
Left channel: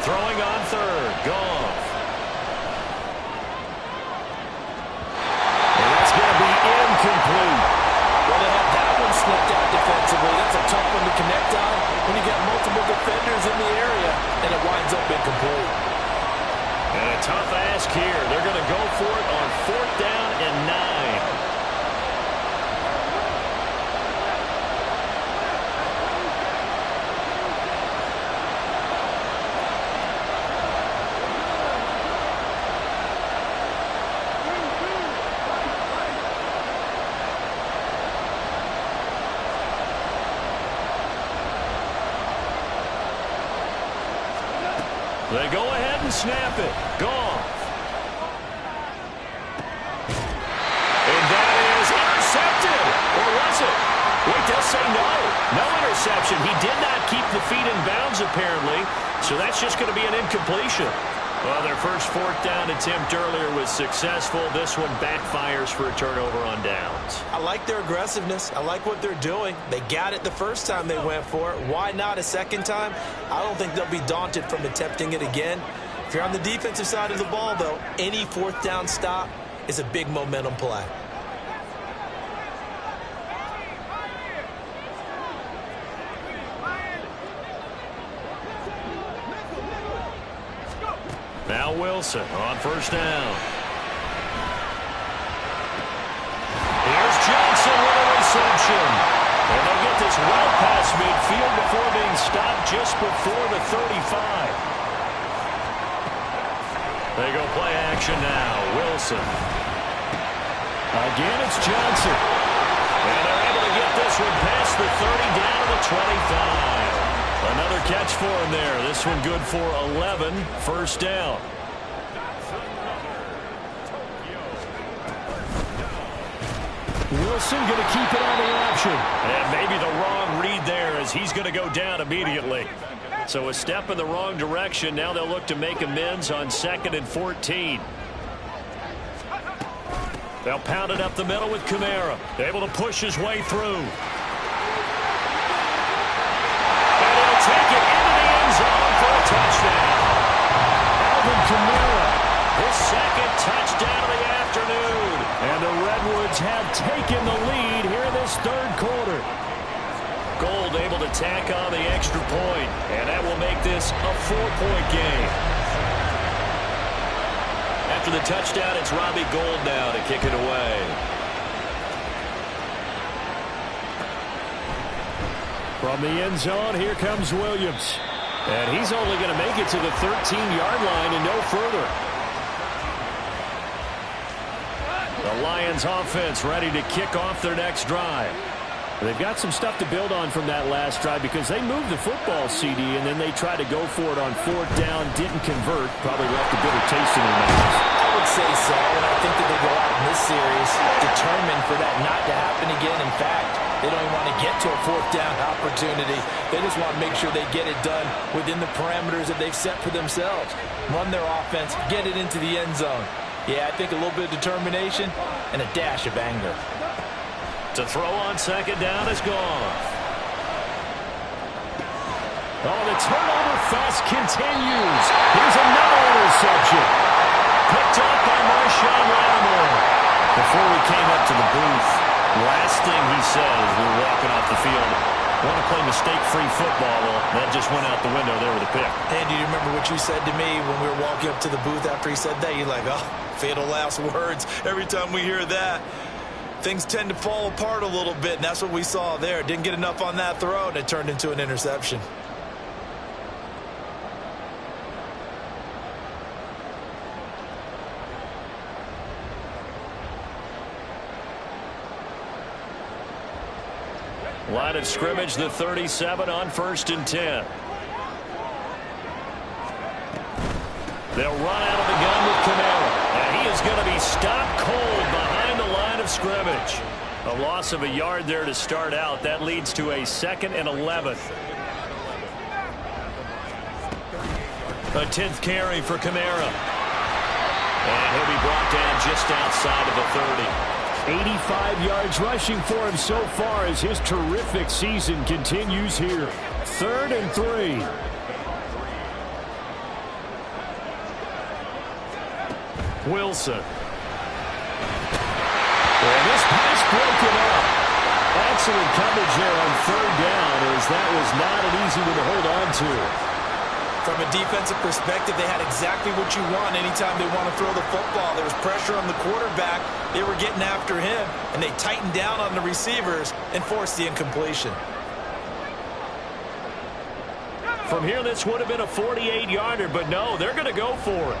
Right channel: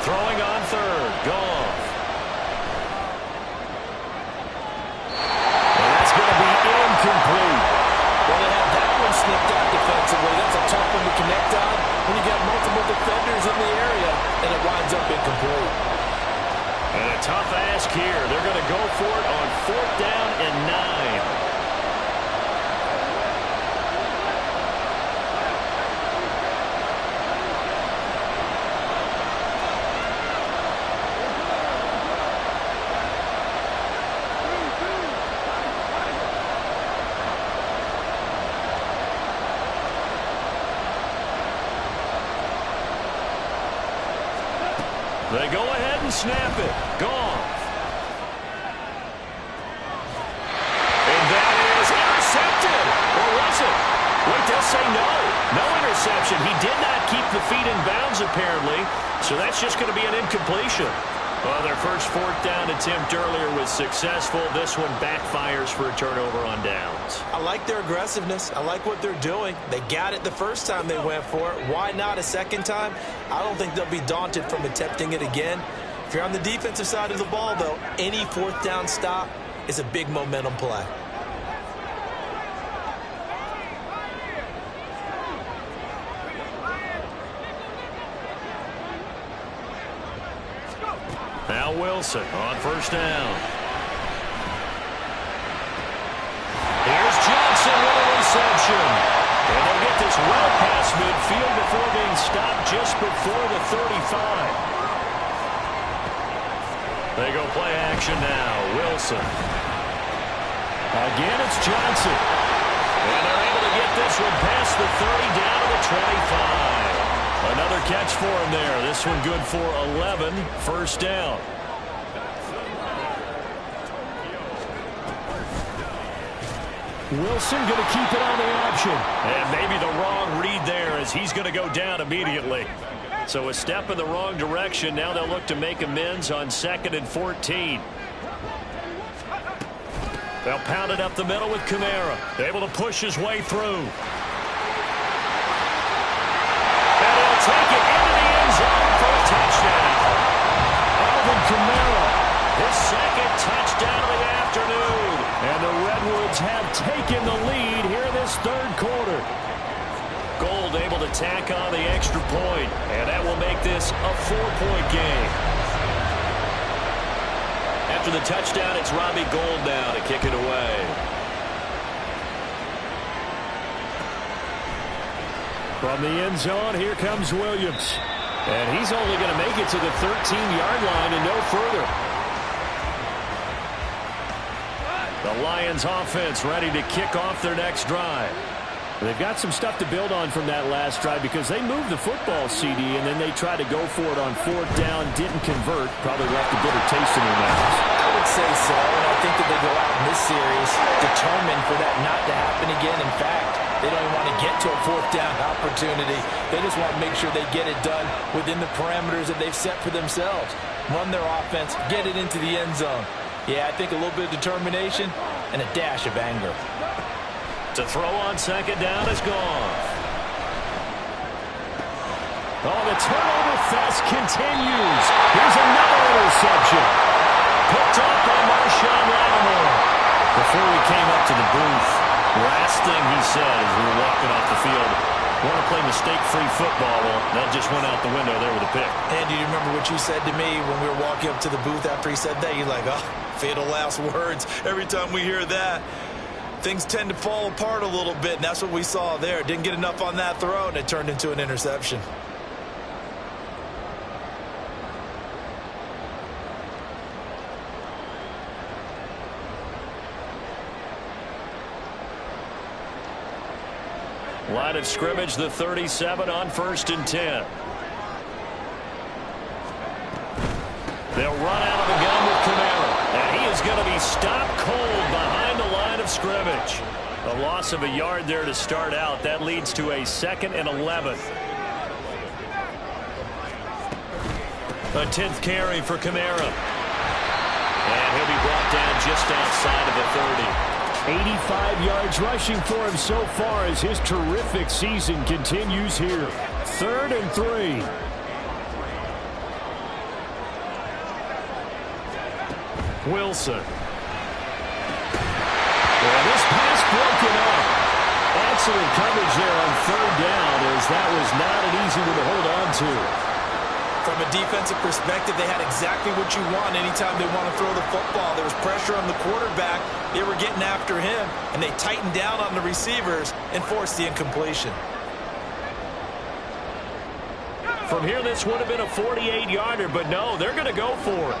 Throwing on 3rd. Goff. And that's going to be incomplete. Well, they had that one snipped out defensively. That's a tough one to connect on when you got multiple defenders in the area, and it winds up incomplete. And a tough ask here. They're going to go for it on 4th down and 9. They go ahead and snap it. Goff. And that is intercepted. Or was it? Wait, they'll say no. No interception. He did not keep the feet in bounds, apparently. So that's just going to be an incompletion. Well, their first 4th down attempt earlier was successful. This one backfires for a turnover on downs. I like their aggressiveness. I like what they're doing. They got it the first time they went for it. Why not a second time? I don't think they'll be daunted from attempting it again. If you're on the defensive side of the ball, though, any 4th down stop is a big momentum play. Now Wilson on 1st down. Here's Johnson with a reception. And they'll get this well past midfield before being stopped just before the 35. They go play action now. Wilson. Again, it's Johnson. And they're able to get this one past the 30 down to the 25. Another catch for him there. This one good for 11. First down. Wilson going to keep it on the option. And maybe the wrong read there as he's going to go down immediately. So a step in the wrong direction. Now they'll look to make amends on 2nd and 14. They'll pound it up the middle with Kamara. Able to push his way through. And he'll take it into the end zone for a touchdown. Alvin Kamara, his 2nd touchdown of the afternoon. And the Redwoods have taken the lead here in this 3rd quarter. Gold able to tack on the extra point, and that will make this a 4-point game. After the touchdown, it's Robbie Gould now to kick it away. From the end zone, here comes Williams. And he's only going to make it to the 13-yard line and no further. The Lions offense ready to kick off their next drive. They've got some stuff to build on from that last drive because they moved the football, CD, and then they tried to go for it on 4th down, didn't convert, probably left a bitter taste in their mouths. I would say so, and I think that they go out in this series determined for that not to happen again. In fact, they don't even want to get to a 4th down opportunity. They just want to make sure they get it done within the parameters that they've set for themselves. Run their offense, get it into the end zone. Yeah, I think a little bit of determination and a dash of anger. To throw on 2nd down is gone. Oh, the turnover fest continues. Here's another interception. Picked up by Marshawn Lattimore. Before we came up to the booth, last thing he said as we were walking off the field, want to play mistake-free football. Well, that just went out the window there with a pick. And do you remember what you said to me when we were walking up to the booth after he said that? You're like, oh, fatal last words. Every time we hear that, things tend to fall apart a little bit, and that's what we saw there. Didn't get enough on that throw, and it turned into an interception. Line of scrimmage, the 37 on 1st and 10. They'll run out of the gun with Kamara. And he is going to be stopped cold behind the line of scrimmage. A loss of a yard there to start out. That leads to a 2nd and 11. A 10th carry for Kamara. And he'll be brought down just outside of the 30. 85 yards rushing for him so far as his terrific season continues here. 3rd and 3. Wilson. And this pass broken up. Excellent coverage there on 3rd down as that was not an easy one to hold on to. From a defensive perspective, they had exactly what you want anytime they want to throw the football. There was pressure on the quarterback. They were getting after him, and they tightened down on the receivers and forced the incompletion. From here, this would have been a 48-yarder, but no, they're going to go for it.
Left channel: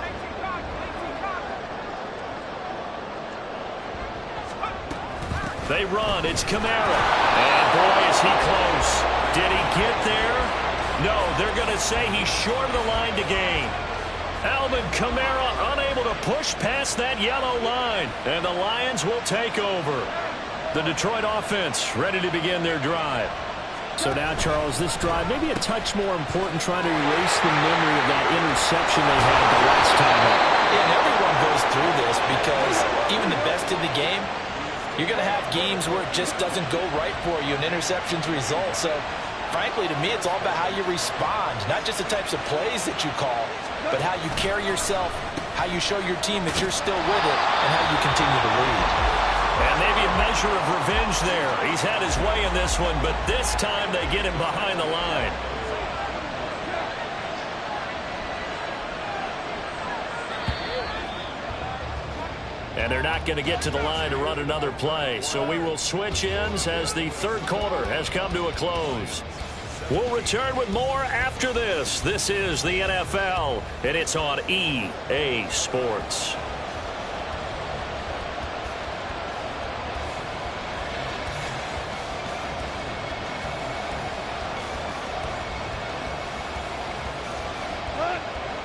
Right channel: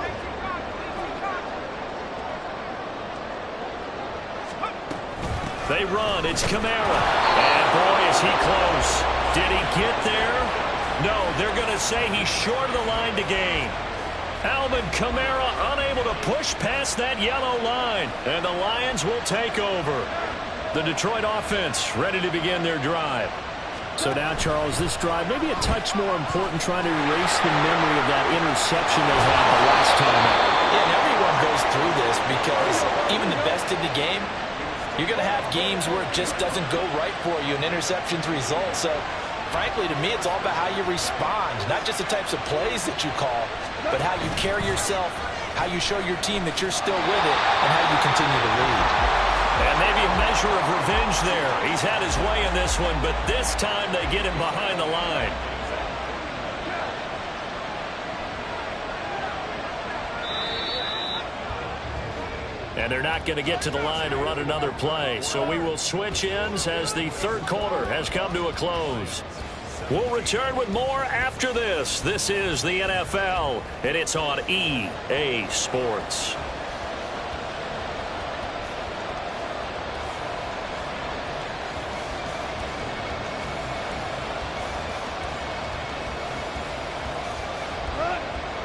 They run. It's Kamara. And, boy, is he close. Did he get there? No, they're going to say he's short of the line to gain. Alvin Kamara unable to push past that yellow line. And the Lions will take over. The Detroit offense ready to begin their drive. So now, Charles, this drive maybe a touch more important, trying to erase the memory of that interception they had the last time out. Yeah, and everyone goes through this because even the best in the game, you're going to have games where it just doesn't go right for you and interceptions result. So, frankly, to me, it's all about how you respond, not just the types of plays that you call, but how you carry yourself, how you show your team that you're still with it, and how you continue to lead. And maybe a measure of revenge there. He's had his way in this one, but this time they get him behind the line. And they're not going to get to the line to run another play. So we will switch ends as the 3rd quarter has come to a close. We'll return with more after this. This is the NFL, and it's on EA Sports.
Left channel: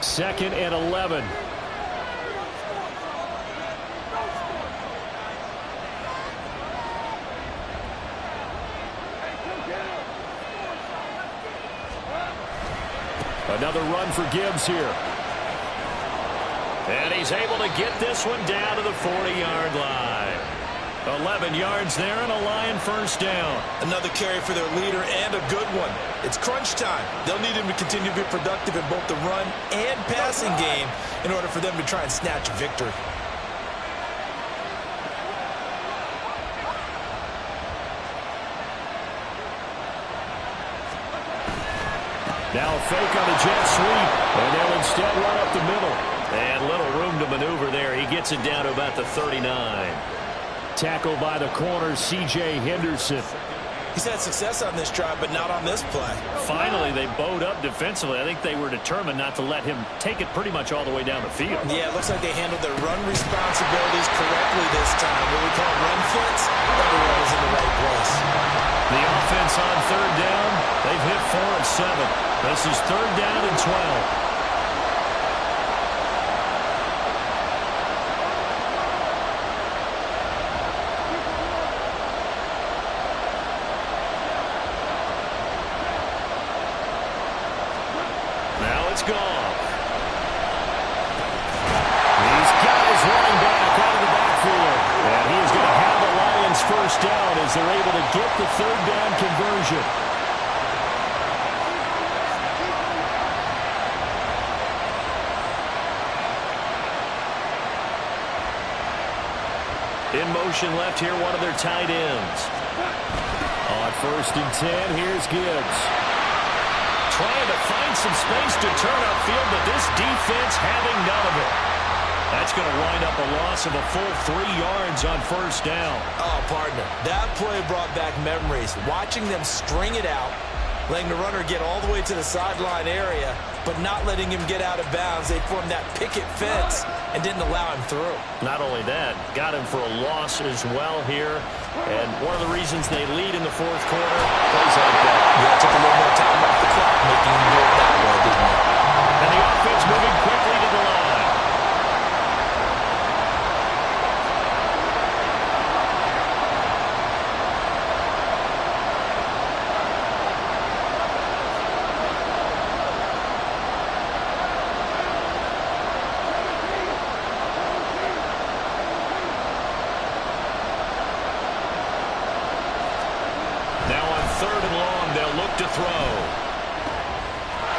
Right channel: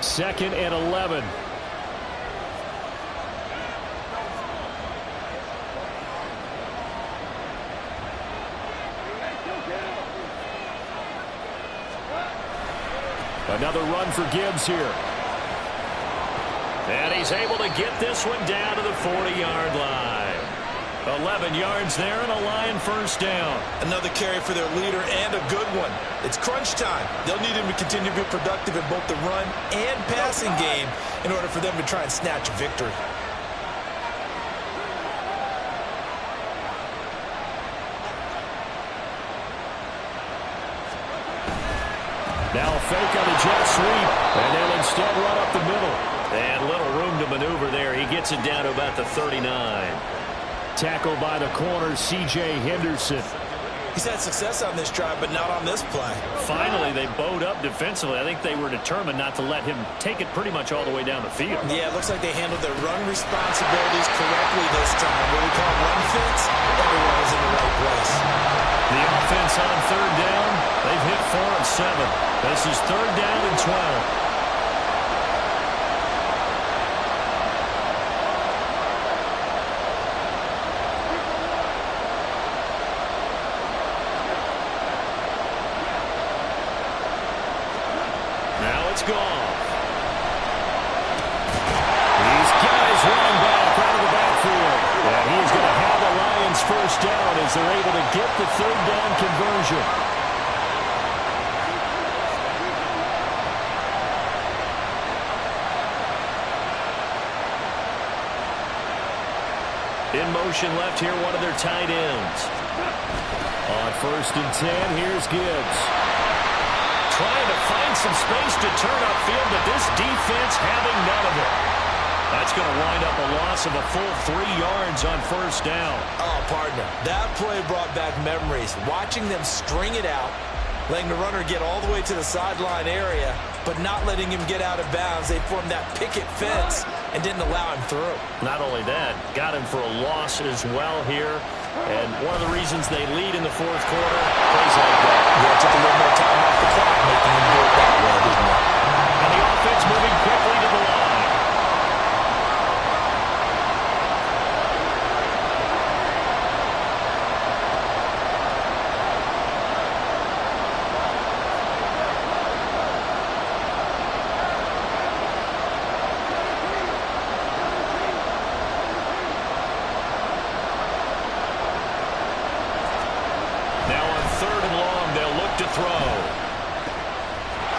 Second and 11. Another run for Gibbs here. And he's able to get this one down to the 40-yard line. 11 yards there and a Lion first down. Another carry for their leader and a good one. It's crunch time. They'll need him to continue to be productive in both the run and passing game in order for them to try and snatch a victory. Now a fake on the jet sweep, and they'll instead run up the middle. And little room to maneuver there. He gets it down to about the 39. Tackled by the corner, C.J. Henderson. He's had success on this drive, but not on this play. Finally, they bowed up defensively. I think they were determined not to let him take it pretty much all the way down the field. Yeah, it looks like they handled their run responsibilities correctly this time. What we call run fits, everyone is in the right place. The offense on third down, they've hit 4 of 7. This is third down and 12. It's gone. These guys running back out of the backfield. And he is going to have the Lions first down as they're able to get the third down conversion. In motion left here, one of their tight ends. On first and 10, here's Gibbs. Trying to find some space to turn upfield, but this defense having none of it. That's going to wind up a loss of a full 3 yards on first down. Oh, partner, that play brought back memories. Watching them string it out, letting the runner get all the way to the sideline area, but not letting him get out of bounds. They formed that picket fence and didn't allow him through. Not only that, got him for a loss as well here. And one of the reasons they lead in the fourth quarter, plays like that. Yeah, it took a little more time off the clock making him do it that way, didn't it? And the offense moving quickly to the line. Third and long, they'll look to throw.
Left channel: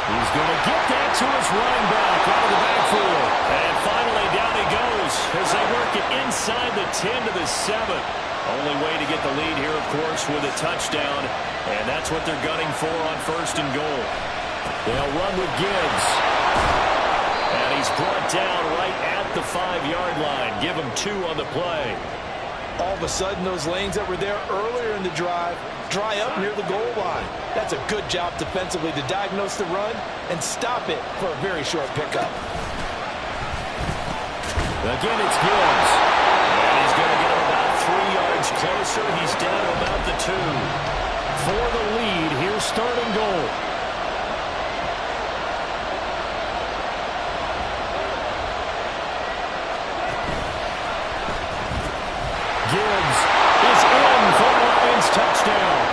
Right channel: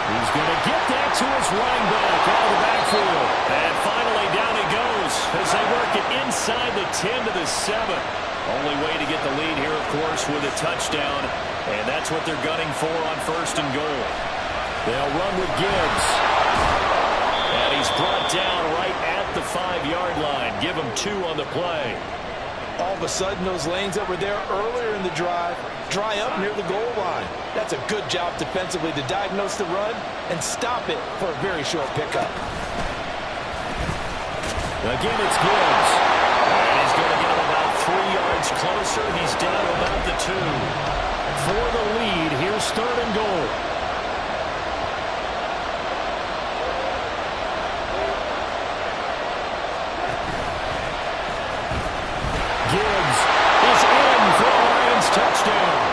He's going to get that to his running back out of the backfield. And finally, down he goes as they work it inside the 10 to the 7. Only way to get the lead here, of course, with a touchdown. And that's what they're gunning for on first and goal. They'll run with Gibbs. And he's brought down right at the 5-yard line. Give him 2 on the play. All of a sudden, those lanes that were there earlier in the drive dry up near the goal line. That's a good job defensively to diagnose the run and stop it for a very short pickup. Again, it's Gibbs. And he's going to get him about 3 yards closer. He's down to about the 2. For the lead, here's third and goal. Gibbs is in for a Lions touchdown.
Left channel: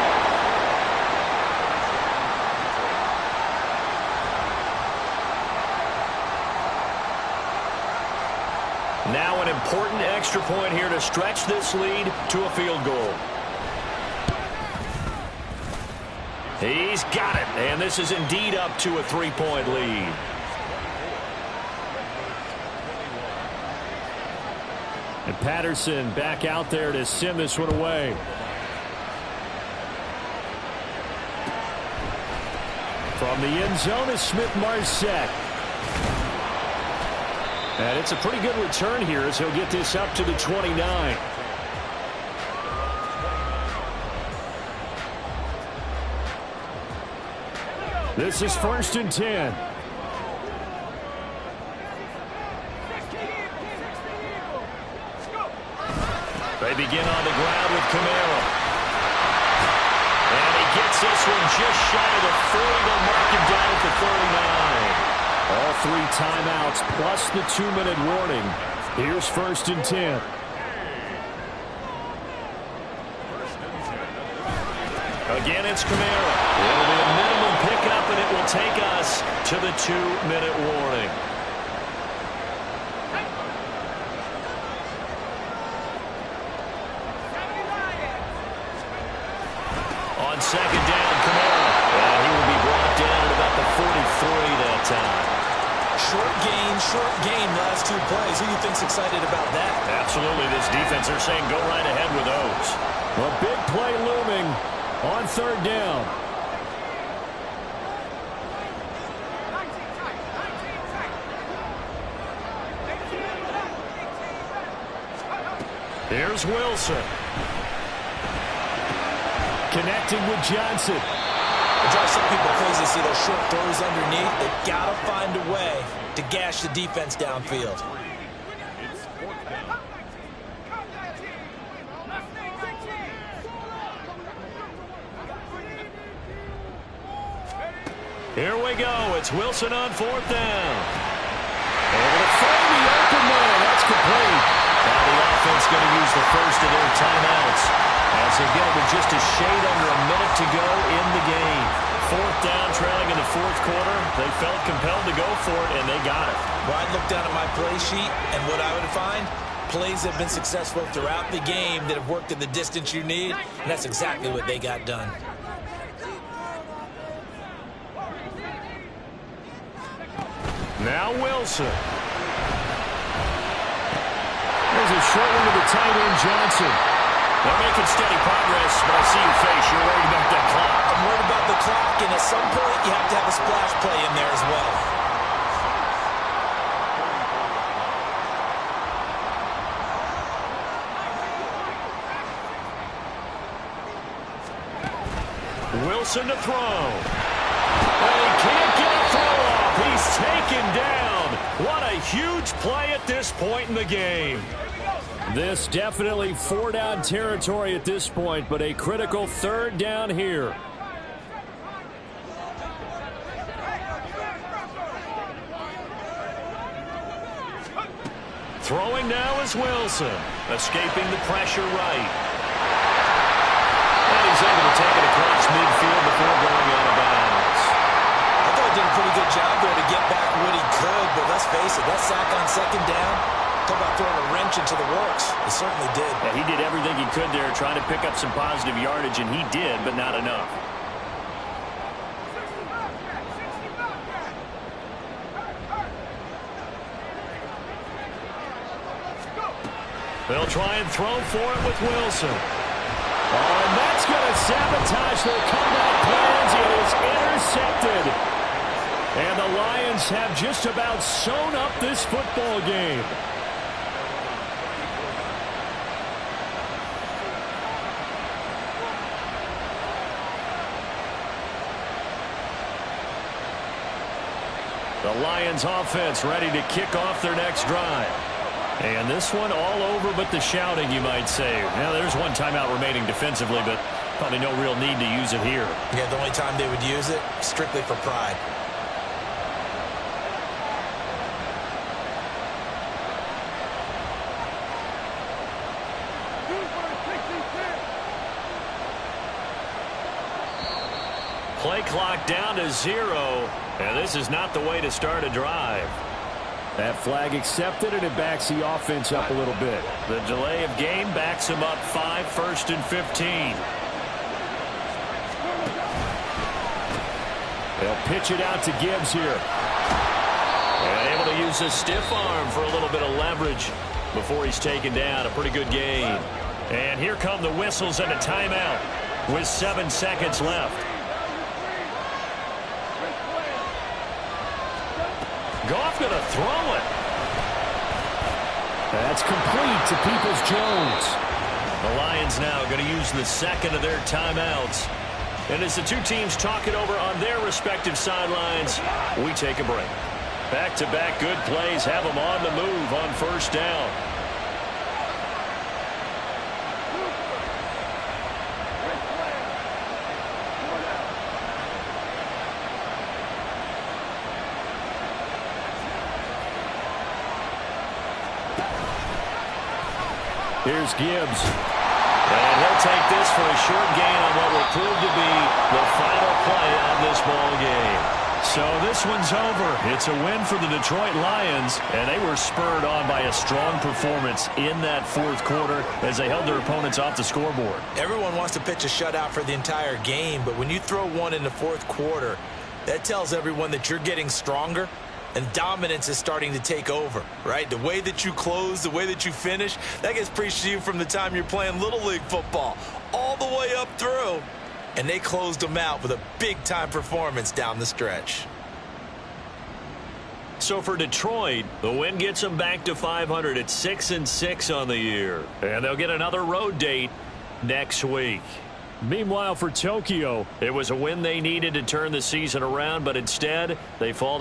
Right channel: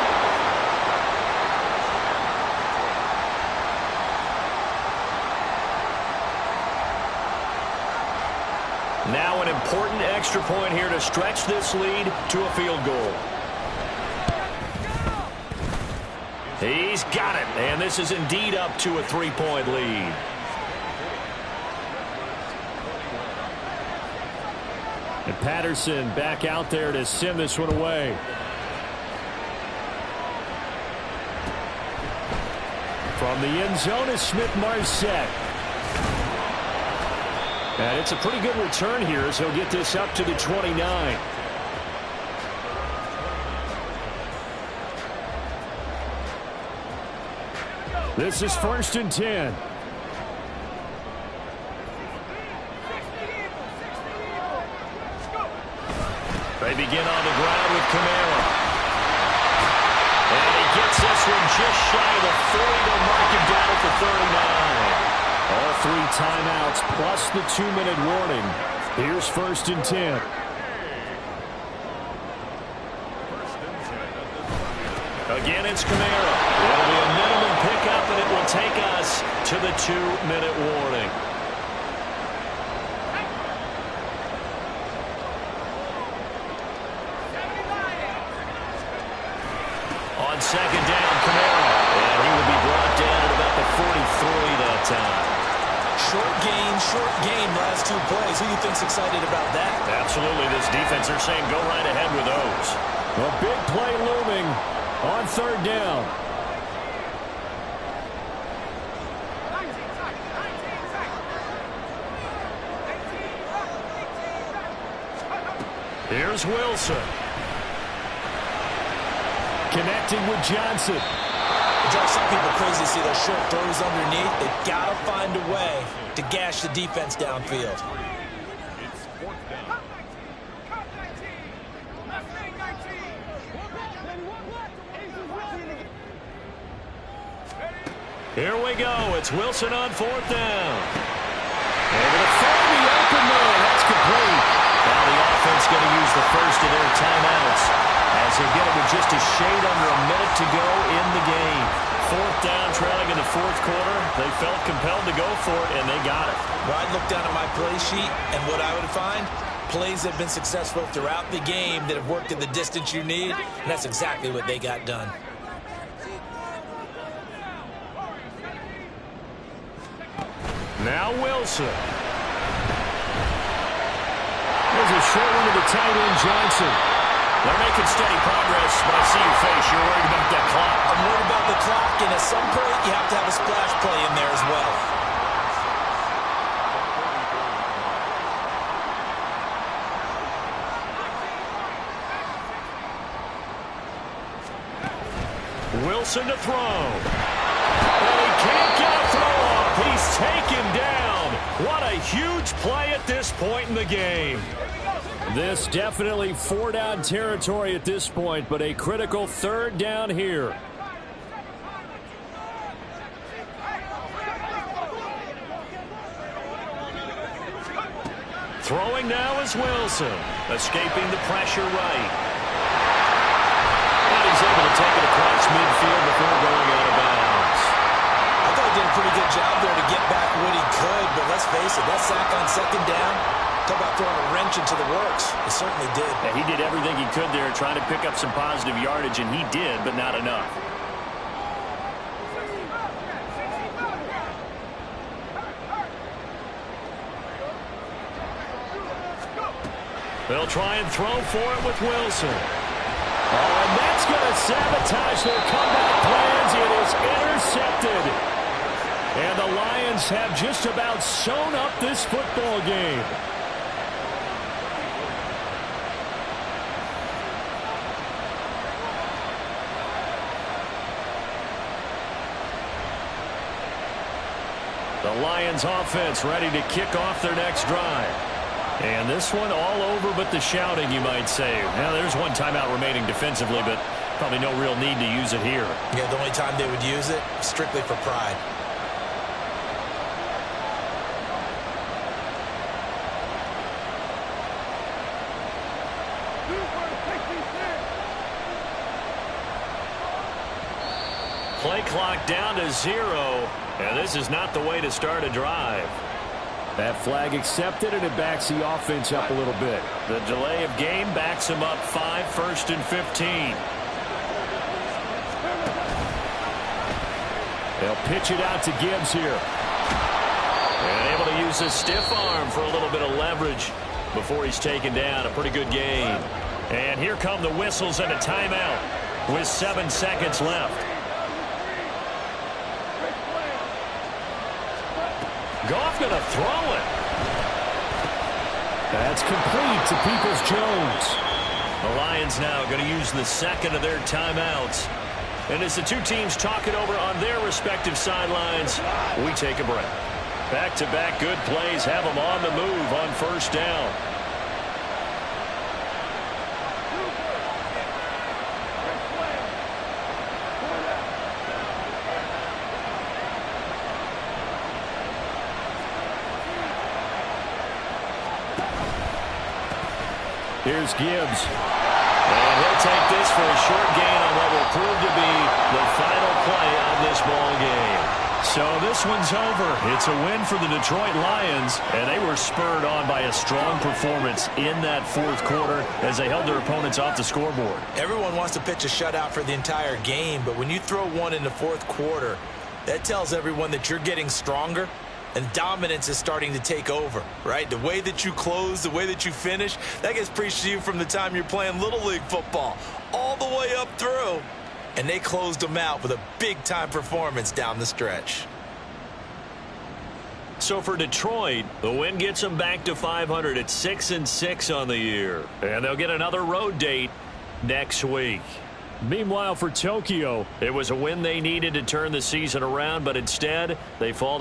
Now an important extra point here to stretch this lead to a field goal. He's got it, and this is indeed up to a 3-point lead. And Patterson back out there to send this one away. From the end zone is Smith-Marsette. And it's a pretty good return here as he'll get this up to the 29. This is 1st and 10. They begin on the ground with Kamara. And he gets this one just shy of the 40. They'll mark him down at the 39. All 3 timeouts plus the 2-minute warning. Here's 1st and 10. Again, it's Kamara. It'll be a minimum pickup, and it will take us to the 2-minute warning. On 2nd down, Kamara. And he will be brought down at about the 43 that time. Short gain, last 2 plays. Who do you think's excited about that? Absolutely. This defense, they're saying go right ahead with those. A big play looming on 3rd down. Here's Wilson. Connecting with Johnson. It drives some people crazy to see those short throws underneath. They've got to find a way to gash the defense downfield. It's 4th down. Here we go. It's Wilson on 4th down. Able to find the open man. That's complete. Now the offense going to use the first of their timeouts as they get it with just a shade under a minute to go in the game. 4th down, trailing in the 4th quarter. They felt compelled to go for it, and they got it. Well, I'd look down at my play sheet, and what I would find, plays that have been successful throughout the game that have worked in the distance you need, and that's exactly what they got done. Now Wilson. There's a short one to the tight end, Johnson. They're making steady progress, but I see your face. You're worried about that clock. I'm worried about the clock, and at some point, you have to have a splash play in there as well. Wilson to throw. And he can't get a throw off. He's taken down. What a huge play at this point in the game. This definitely 4-down territory at this point, but a critical 3rd down here. Throwing now is Wilson. Escaping the pressure right. And he's able to take it across midfield before going out of bounds. I thought he did a pretty good job there to get back what he could, but let's face it, that sack on 2nd down, talk about throwing a wrench into the works. It certainly did. Yeah, he did everything he could there, trying to pick up some positive yardage, and he did, but not enough. They'll try and throw for it with Wilson. Oh, and that's going to sabotage their comeback plans. It is intercepted. And the Lions have just about sewn up this football game. The Lions offense ready to kick off their next drive. And this one all over but the shouting, you might say. Now, there's one timeout remaining defensively, but probably no real need to use it here. Yeah, the only time they would use it, strictly for pride. Play clock down to 0, and this is not the way to start a drive. That flag accepted, and it backs the offense up a little bit. The delay of game backs them up 5, 1st and 15. They'll pitch it out to Gibbs here. And able to use a stiff arm for a little bit of leverage before he's taken down. A pretty good gain. And here come the whistles and a timeout with 7 seconds left. Goff going to throw it. That's complete to Peoples-Jones. The Lions now going to use the second of their timeouts And as the two teams talk it over on their respective sidelines, we take a break. Back-to-back good plays have them on the move on first down. Here's Gibbs. And he'll take this for a short gain on what will prove to be the final play of this ball game. So this one's over. It's a win for the Detroit Lions, and they were spurred on by a strong performance in that fourth quarter as they held their opponents off the scoreboard. Everyone wants to pitch a shutout for the entire game, but when you throw one in the fourth quarter, that tells everyone that you're getting stronger. And dominance is starting to take over, right? The way that you close, the way that you finish, that gets preached to you from the time you're playing Little League football all the way up through. And they closed them out with a big-time performance down the stretch. So for Detroit, the win gets them back to 500 at 6-6 on the year. And they'll get another road date next week. Meanwhile, for Tokyo, it was a win they needed to turn the season around, but instead they fall